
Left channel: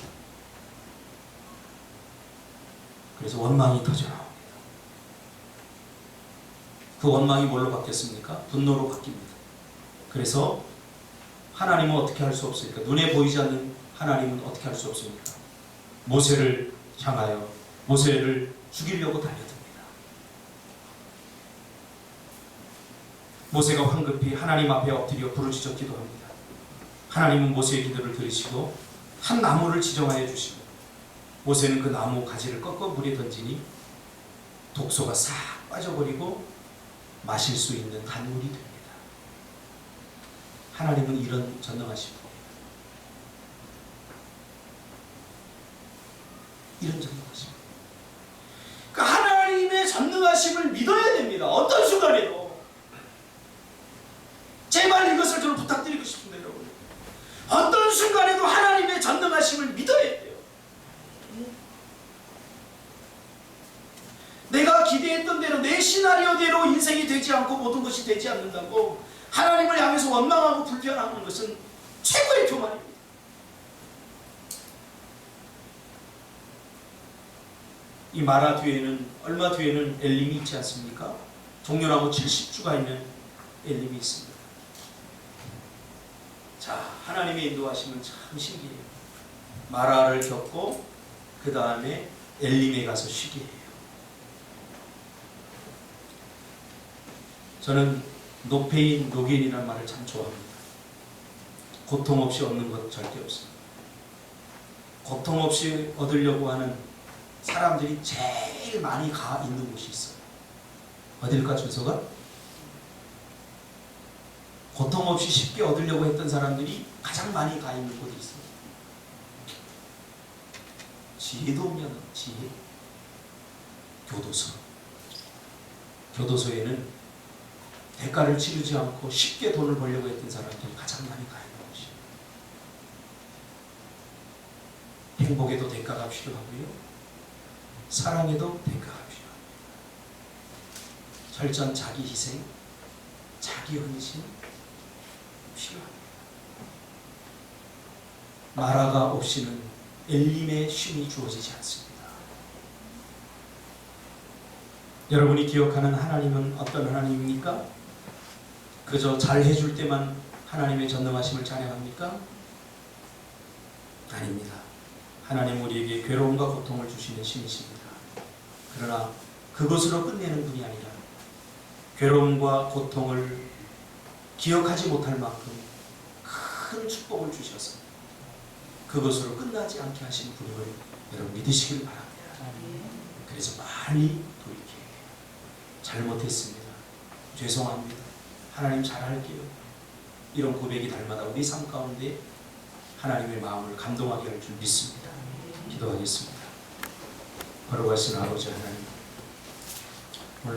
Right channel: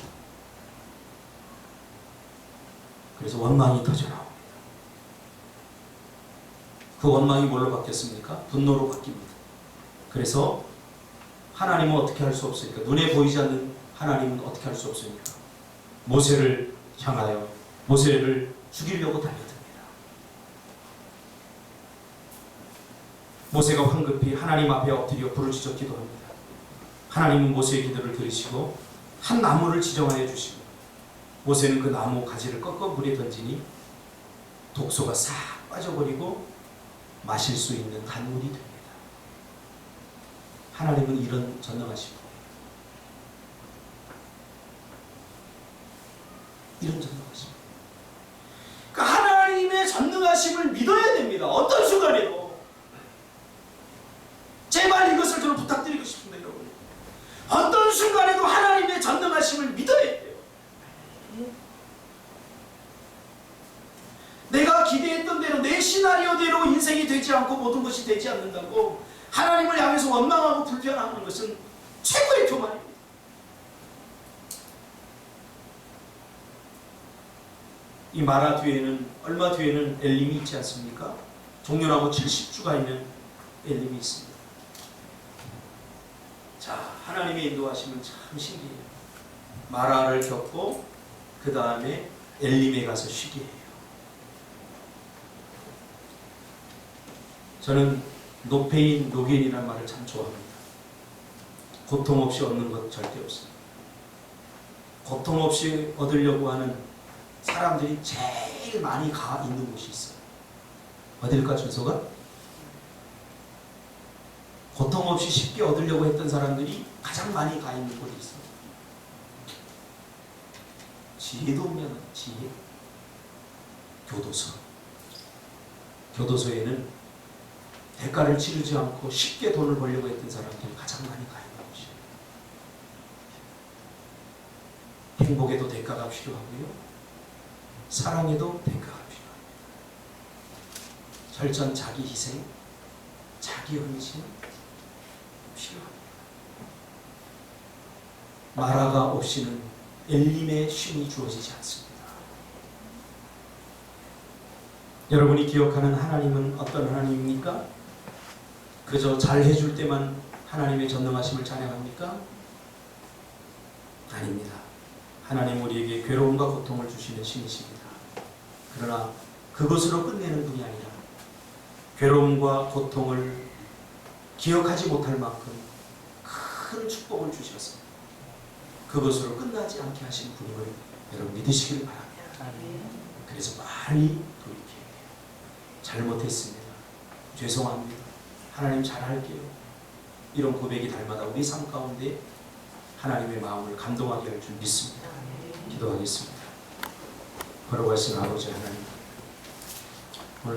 그래서 원망이 터져나옵니다. 그 원망이 뭘로 바뀌었습니까? 분노로 바뀝니다. 그래서 하나님은 어떻게 할 수 없습니까? 눈에 보이지 않는 하나님은 어떻게 할 수 없습니까? 모세를 향하여 모세를 죽이려고 달려듭니다. 모세가 황급히 하나님 앞에 엎드려 부르짖어 기도합니다. 하나님은 모세의 기도를 들으시고 한 나무를 지정하여 주시고 모세는 그 나무 가지를 꺾어 물에 던지니 독소가 싹 빠져버리고 마실 수 있는 단물이 됩니다. 하나님은 이런 전능하신 분이에요. 이런 전능하신 분. 그러니까 하나님의 전능하심을 믿어야 됩니다. 어떤 순간에도. 제발 이것을 저는 부탁드리고 싶습니다, 여러분. 어떤 순간에도 하나님의 전능하심을 믿어야 돼요. 내가 기대했던 대로 내 시나리오대로 인생이 되지 않고 모든 것이 되지 않는다고 하나님을 향해서 원망하고 불평하는 것은 최고의 교만입니다. 이 마라 뒤에는 얼마 뒤에는 엘림이 있지 않습니까? 종려나무 70주가 있는 엘림이 있습니다. 자, 하나님의 인도하심은 참 신기해요. 마라를 겪고 그 다음에 엘림에 가서 쉬게 해요. 저는 노페인 노겐이라는 말을 참 좋아합니다. 고통 없이 얻는 것 절대 없습니다. 고통 없이 얻으려고 하는 사람들이 제일 많이 가 있는 곳이 있어요. 어딜까 주소가? 고통 없이 쉽게 얻으려고 했던 사람들이 가장 많이 가 있는 곳이 있어요. 지혜도면 지혜. 교도소. 교도소에는 대가를 치르지 않고 쉽게 돈을 벌려고 했던 사람들이 가장 많이 가 있는 곳이에요. 행복에도 대가가 필요하고요. 사랑에도 대가가 필요합니다. 철저한 자기 희생, 자기 헌신 필요합니다. 마라가 없이는 엘림의 쉼이 주어지지 않습니다. 여러분이 기억하는 하나님은 어떤 하나님입니까? 그저 잘해줄 때만 하나님의 전능하심을 찬양합니까? 아닙니다. 하나님 우리에게 괴로움과 고통을 주시는 신이십니다. 그러나 그것으로 끝내는 분이 아니라 괴로움과 고통을 기억하지 못할 만큼 큰 축복을 주셔서 그것으로 끝나지 않게 하신 분임을 여러분 믿으시길 바랍니다. 그래서 많이 돌이켜야 돼요. 잘못했습니다. 죄송합니다. 하나님 잘할게요. 이런 고백이 날마다 우리 삶 가운데 하나님의 마음을 감동하게 할 줄 믿습니다. 기도하겠습니다. 걸어가신 아버지 하나님, 오늘